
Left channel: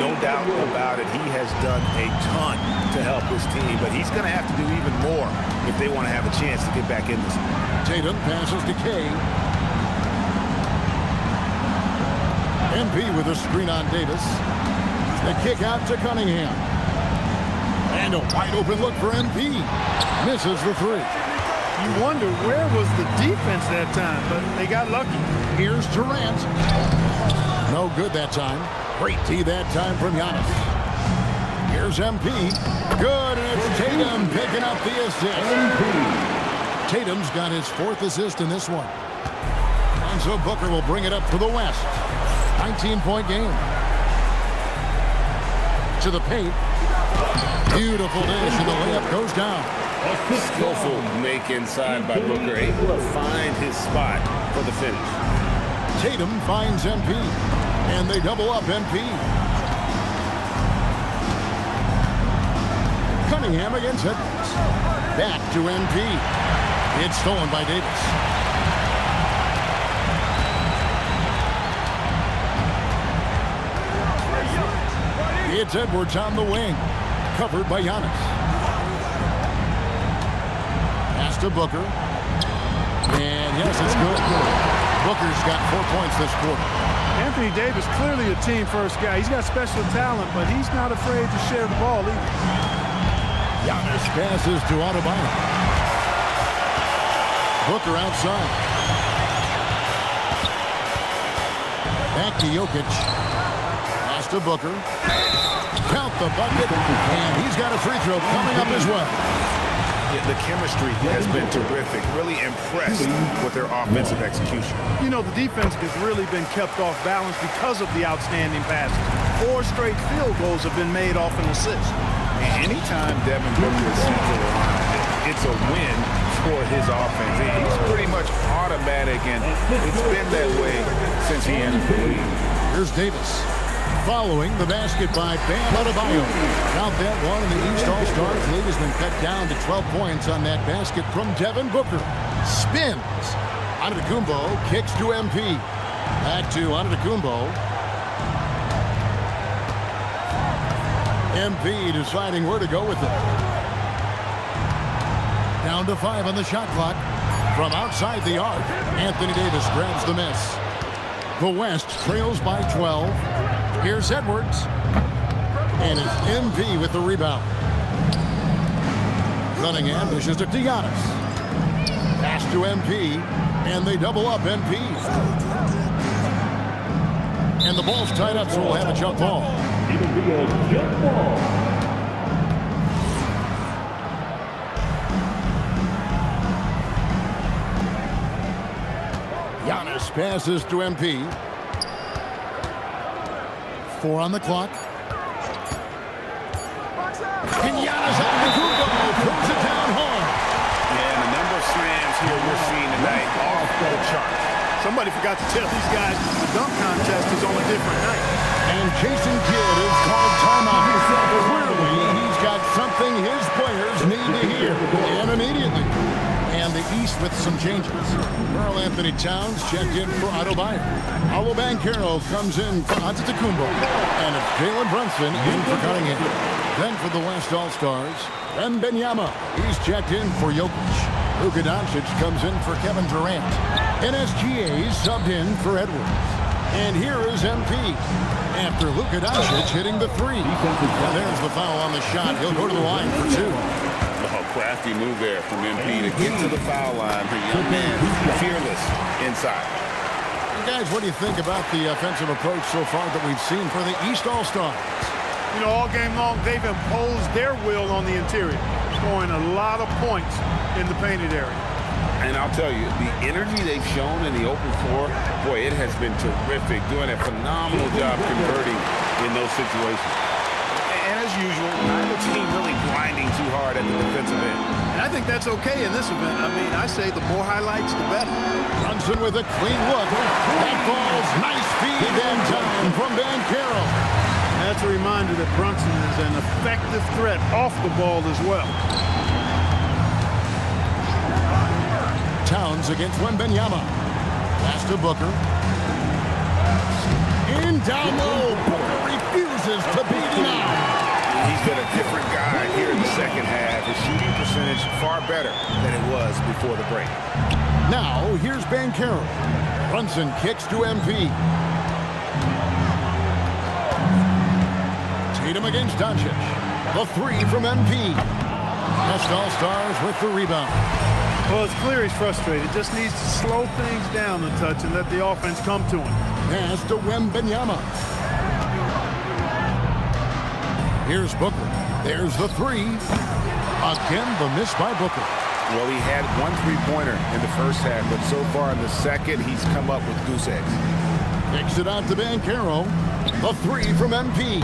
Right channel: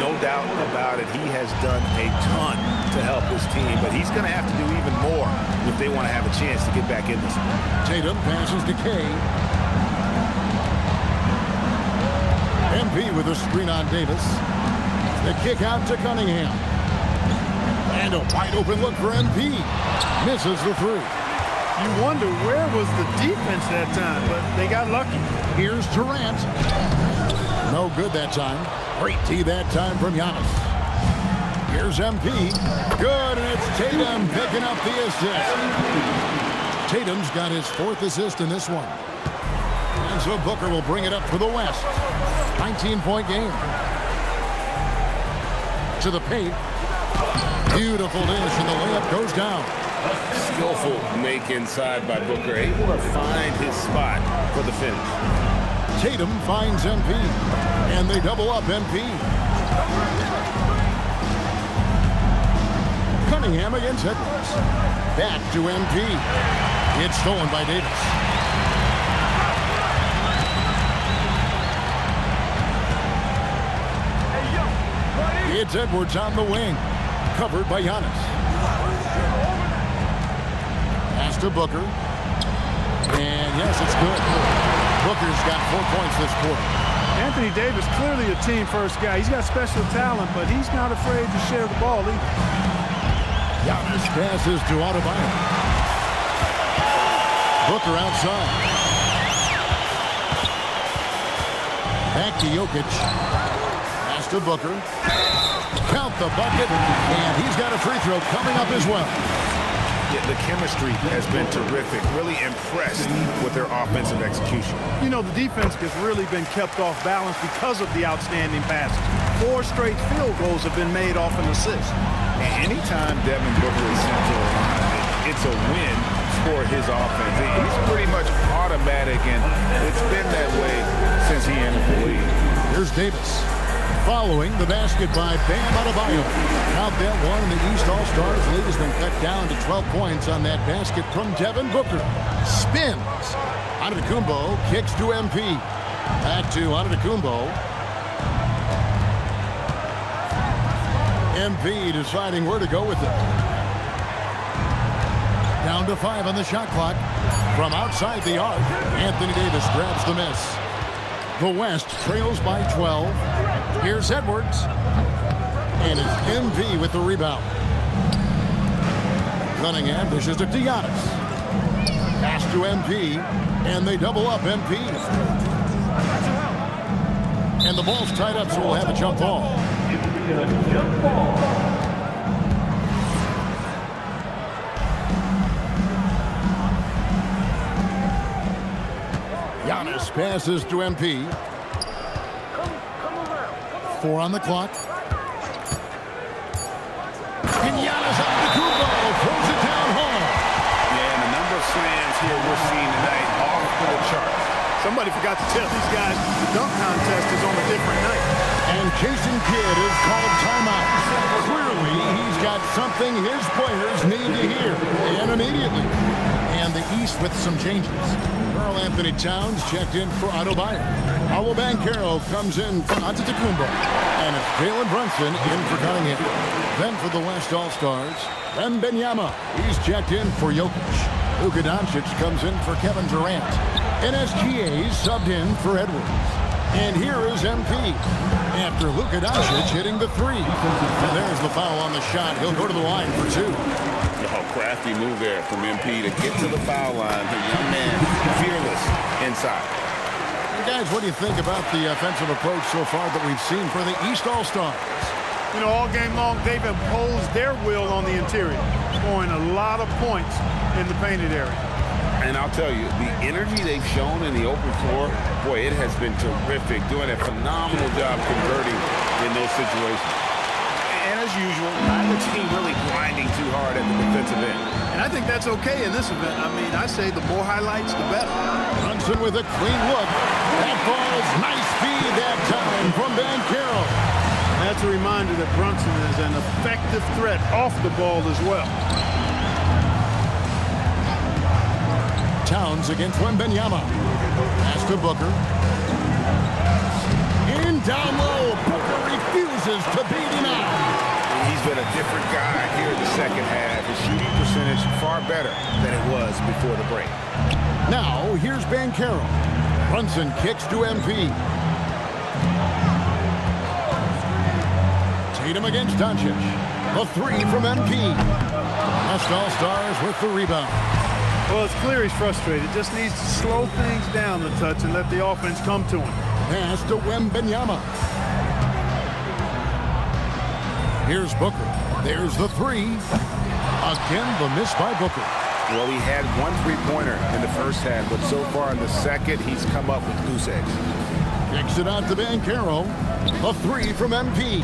No doubt about it. He has done a ton to help his team, but he's going to have to do even more if they want to have a chance to get back in this one. Tatum passes to Kay. MP with a screen on Davis. The kick out to Cunningham. And a wide open look for MP. Misses the three. You wonder where was the defense that time, but they got lucky. Here's Durant. No good that time. Great D that time from Giannis. Here's MP. Good, and it's Tatum picking up the assist. Tatum's got his 4th assist in this one. And so Booker will bring it up for the West. 19-point game. To the paint. Beautiful dish, and the layup goes down. Skillful make inside by Booker, able to find his spot for the finish. Tatum finds MP, and they double up MP. Cunningham against Edwards. Back to MP. It's stolen by Davis. It's Edwards on the wing. Covered by Giannis. Pass to Booker. And yes, it's good. Booker's got 4 points this quarter. Anthony Davis, clearly a team-first guy. He's got special talent, but he's not afraid to share the ball either. Giannis passes to Adebayo. Booker outside. Back to Jokic. Pass to Booker. Count the bucket, and he's got a free throw coming up as well. Yeah, the chemistry has been terrific. Really impressed with their offensive execution. You know, the defense has really been kept off balance because of the outstanding passes. 4 straight field goals have been made off an assist. Anytime Devin Booker is sent to the line, it's a win for his offense. He's pretty much automatic, and it's been that way since he entered the league. Here's Davis. Following the basket by Bam Adebayo. Count that one, and the East All-Stars lead has been cut down to 12 points on that basket from Devin Booker. Spins. Antetokounmpo kicks to MP. Back to Antetokounmpo. MP deciding where to go with it. Down to 5 on the shot clock. From outside the arc, Anthony Davis grabs the miss. The West trails by 12. Here's Edwards. And it's MP with the rebound. Cunningham dishes it to Giannis. Pass to MP. And they double up MP. And the ball's tied up, so we'll have a jump ball. It'll be a jump ball. Giannis passes to MP. 4 on the clock. And Giannis Antetokounmpo throws it down home. Yeah, and the number of slams here we're seeing tonight off the charts. Somebody forgot to tell these guys the dunk contest is on a different night. And Jason Kidd is called timeout. Clearly, he's got something his players need to hear, and immediately. And the East with some changes. Karl Anthony Towns checked in for Adebayo. Paolo Banchero comes in for Antetokounmpo. And it's Jalen Brunson in for Cunningham. Then for the West All-Stars, Wembanyama. He's checked in for Jokic. Luka Doncic comes in for Kevin Durant. And SGA subbed in for Edwards. And here is MP. After Luka Doncic hitting the 3. And there's the foul on the shot. He'll go to the line for 2. Oh, crafty move there from MP to get to the foul line. The young man, fearless inside. And guys, what do you think about the offensive approach so far that we've seen for the East All-Stars? You know, all game long, they've imposed their will on the interior, scoring a lot of points in the painted area. And I'll tell you, the energy they've shown in the open floor, boy, it has been terrific, doing a phenomenal job converting in those situations. And as usual, neither team really grinding too hard at the defensive end. And I think that's okay in this event. I mean, I say the more highlights, the better. Brunson with a clean look. That falls. Nice feed that time from Banchero. That's a reminder that Brunson is an effective threat off the ball as well. Towns against Wembanyama. Pass to Booker. In down low. Booker refuses to beat him out. He's been a different guy here in the second half. His shooting percentage far better than it was before the break. Now, here's Banchero. Brunson kicks to MP. Tatum against Doncic. The three from MP. West All-Stars with the rebound. Well, it's clear he's frustrated. Just needs to slow things down a touch and let the offense come to him. Pass to Wembanyama. Here's Booker. There's the three. Again, the miss by Booker. Well, he had one three-pointer in the first half, but so far in the second, he's come up with goose eggs. Kicks it out to Banchero. The three from MP.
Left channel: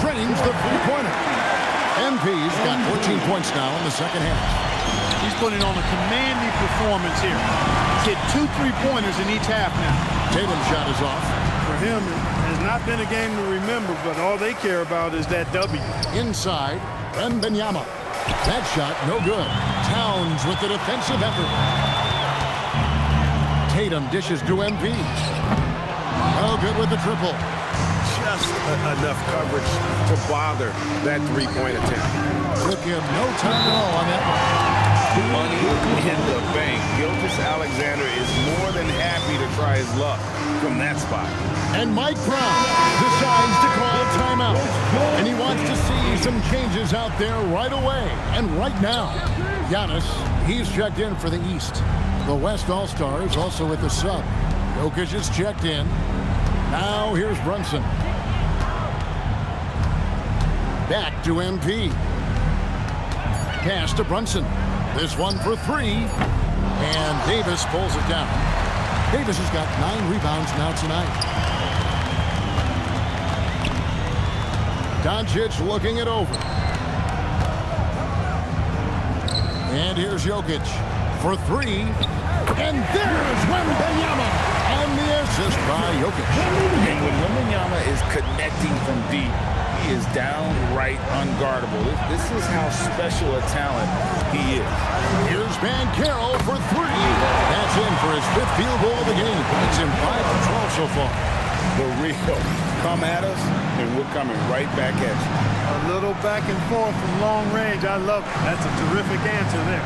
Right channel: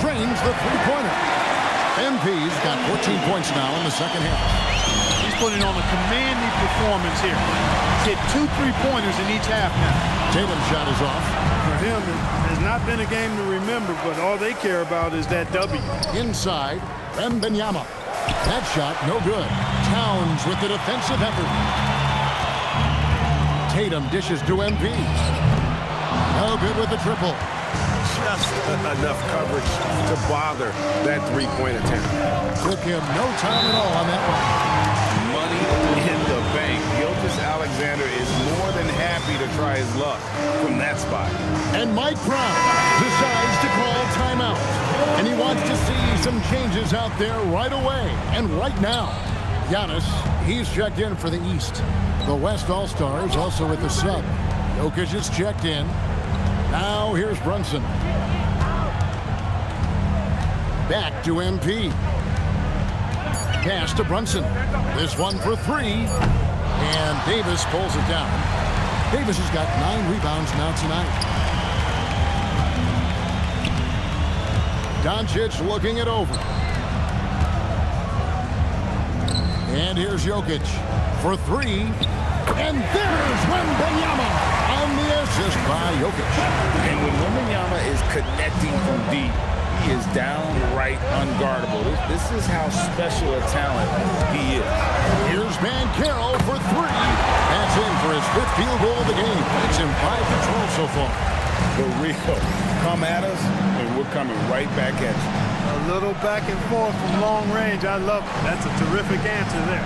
Trains the three-pointer. MP's got 14 points now in the second half. He's putting on a commanding performance here. He's hit 2 3-pointers in each half now. Tatum's shot is off. For him, it has not been a game to remember, but all they care about is that W. Inside, Wembanyama. That shot, no good. Towns with the defensive effort. Tatum dishes to MP. No good with the triple. Just enough coverage to bother that three-point attempt. Took him no time at all on that one. Money in the bank. Gilgeous-Alexander is more than happy to try his luck from that spot. And Mike Brown decides to call timeout. And he wants to see some changes out there right away and right now. Giannis, he's checked in for the East. The West All-Stars also with the sub. Jokic is checked in. Now here's Brunson. Back to MP. Pass to Brunson. This one for three. And Davis pulls it down. Davis has got 9 rebounds now tonight. Doncic looking it over. And here's Jokic for three. And there's Wembanyama on the assist by Jokic. And when Wembanyama is connecting from deep, he is downright unguardable. This is how special a talent he is. Here's Banchero for three. That's in for his 5th field goal of the game. Makes him 5 for 12 so far. The real come at us, and we're coming right back at you. A little back and forth from long range. I love it. That's a terrific answer there.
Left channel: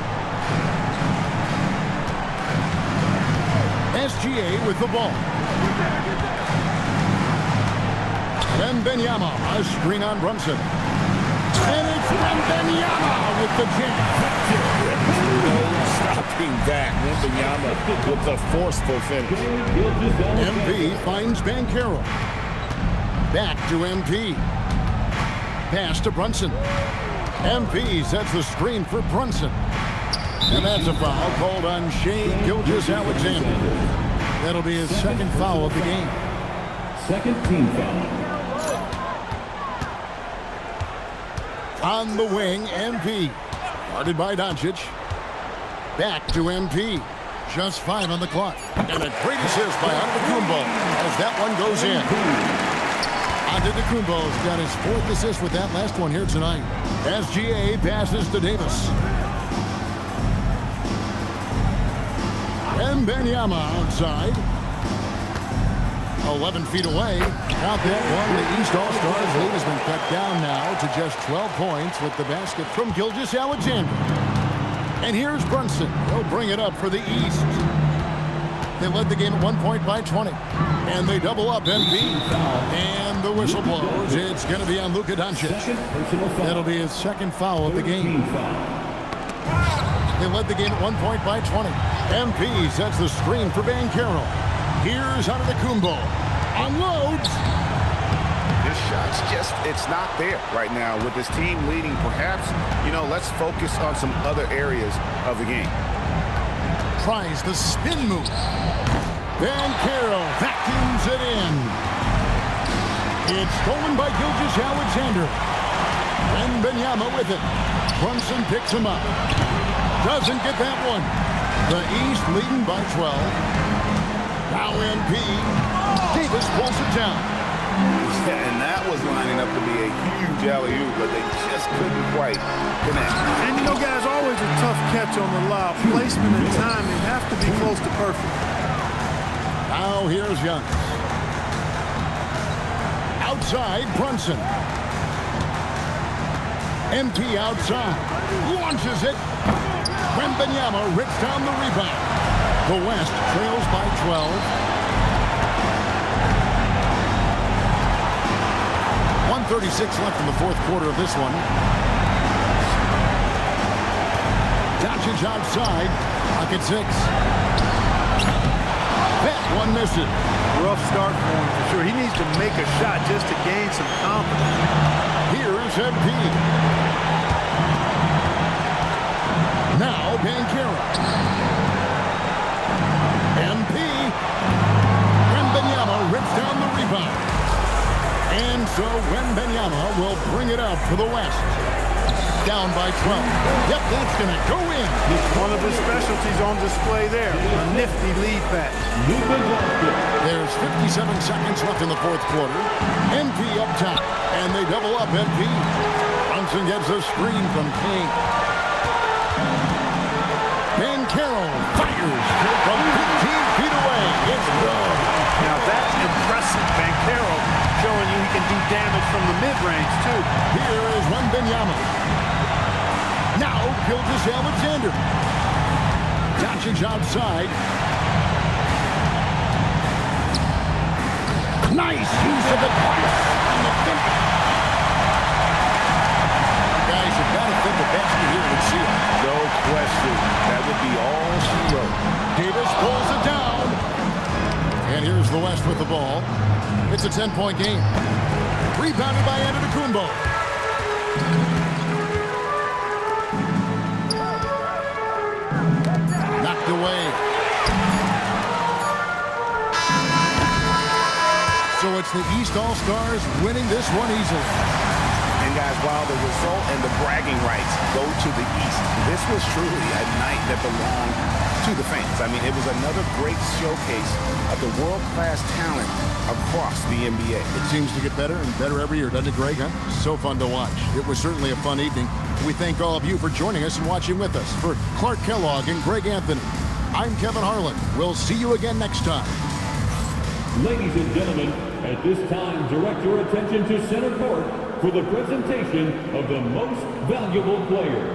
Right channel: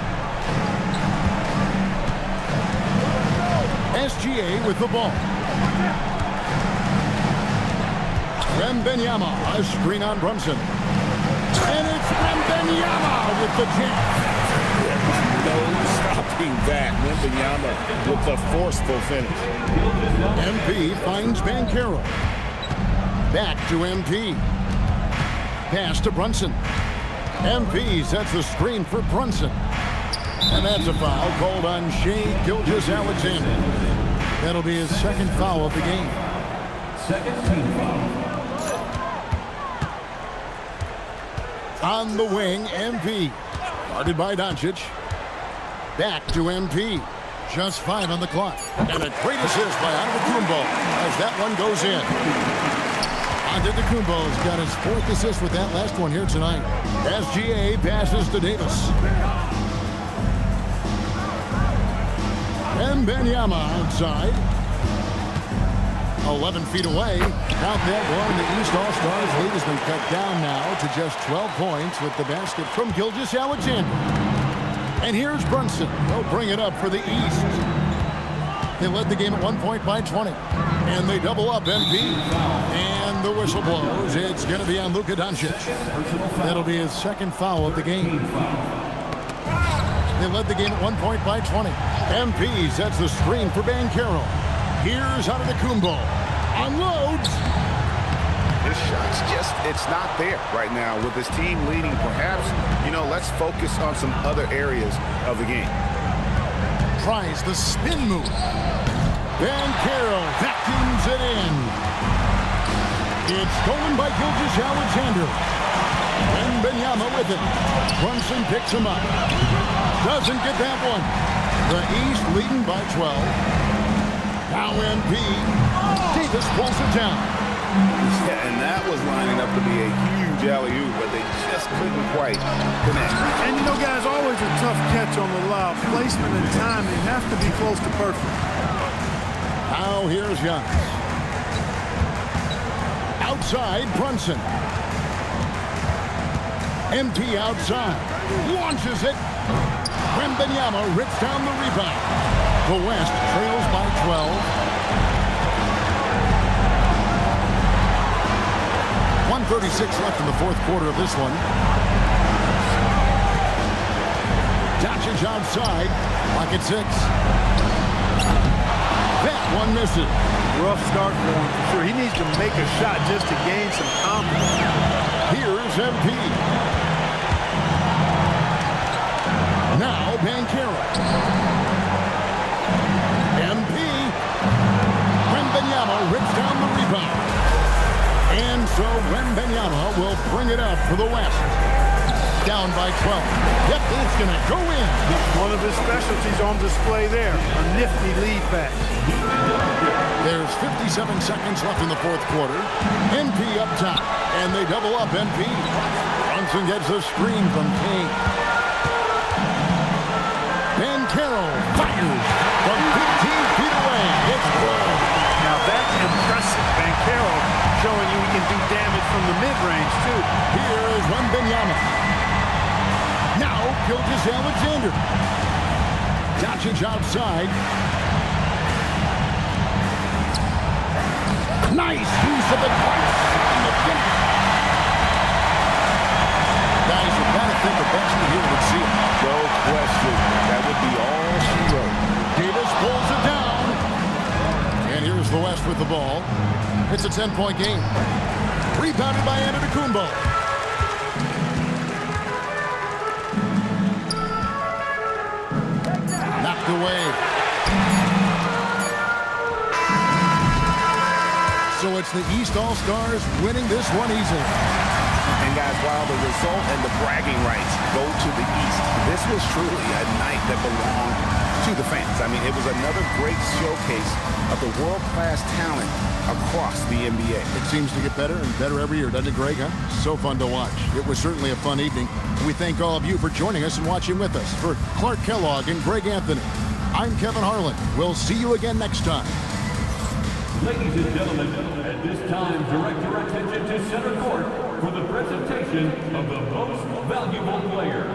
SGA with the ball. Wembanyama, a screen on Brunson. And it's Wembanyama with the jam. No stopping that. Wembanyama with the forceful finish. MP finds Banchero. Back to MP. Pass to Brunson. MP sets the screen for Brunson. And that's a foul called on Shai Gilgeous-Alexander. That'll be his 2nd foul of the game. Second team foul. On the wing, MP. Guarded by Doncic. Back to MP. Just 5 on the clock. And a great assist by Antetokounmpo as that one goes in. Antetokounmpo's got his 4th assist with that last one here tonight. SGA passes to Davis. Wembanyama outside. 11 feet away. Count that one. The East All-Stars lead has been cut down now to just 12 points with the basket from Gilgeous-Alexander. And here's Brunson. He'll bring it up for the East. They led the game at 1 point by 20. And they double up MP. And the whistle blows. It's going to be on Luka Doncic. That'll be his 2nd foul of the game. They led the game at 1 point by 20. MP sets the screen for Banchero. Here's Antetokounmpo. Unloads. His shot's just, it's not there right now. With his team leading, perhaps, let's focus on some other areas of the game. Tries the spin move. Banchero vacuums it in. It's stolen by Gilgeous-Alexander. Wembanyama with it. Brunson picks him up. Doesn't get that one. The East leading by 12. Now MP. Davis pulls it down. Yeah, and that was lining up to be a huge alley-oop, but they just couldn't quite connect. And guys, always a tough catch on the lob. Placement and timing have to be close to perfect. Now here's Giannis. outside, Brunson. MP outside. Launches it. Wembanyama rips down the rebound. The West trails by 12. 1:36 left in the fourth quarter of this one. Doncic outside. Clock at 6. That one misses. Rough start for him for sure. He needs to make a shot just to gain some confidence. Here's MP. Now Banchero. MP. Wembanyama rips down the rebound. And so Wembanyama will bring it up for the West. Down by 12. Yep, that's going to go in. One of his specialties on display there. A nifty lead pass. There's 57 seconds left in the fourth quarter. MP up top. And they double up MP. Brunson gets a screen from King. Banchero fires from 15 feet away. It's good. Now that's impressive. Banchero showing you he can do damage from the mid-range too. Here is Wembanyama. Now Gilgeous-Alexander. Doncic outside. Nice use of the glass on the finish. Guys, you've got to think a basket here would see it. No question. That would be all she wrote. Davis pulls it down. And here's the West with the ball. It's a 10-point game. Rebounded by Antetokounmpo. Knocked away. So it's the East All-Stars winning this one easily. And guys, while the result and the bragging rights go to the East, this was truly a night that belonged to the fans. I mean, it was another great showcase of the world-class talent across the NBA. It seems to get better and better every year, doesn't it, Greg? Huh? So fun to watch. It was certainly a fun evening. We thank all of you for joining us and watching with us. For Clark Kellogg and Greg Anthony, I'm Kevin Harlan. We'll see you again next time. Ladies and gentlemen, at this time, direct your attention to center court for the presentation of the most valuable player.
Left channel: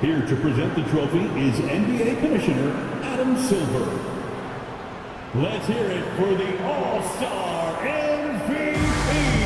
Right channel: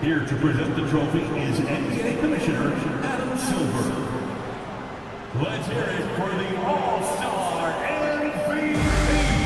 Here to present the trophy is NBA Commissioner Adam Silver. Let's hear it for the All-Star MVP.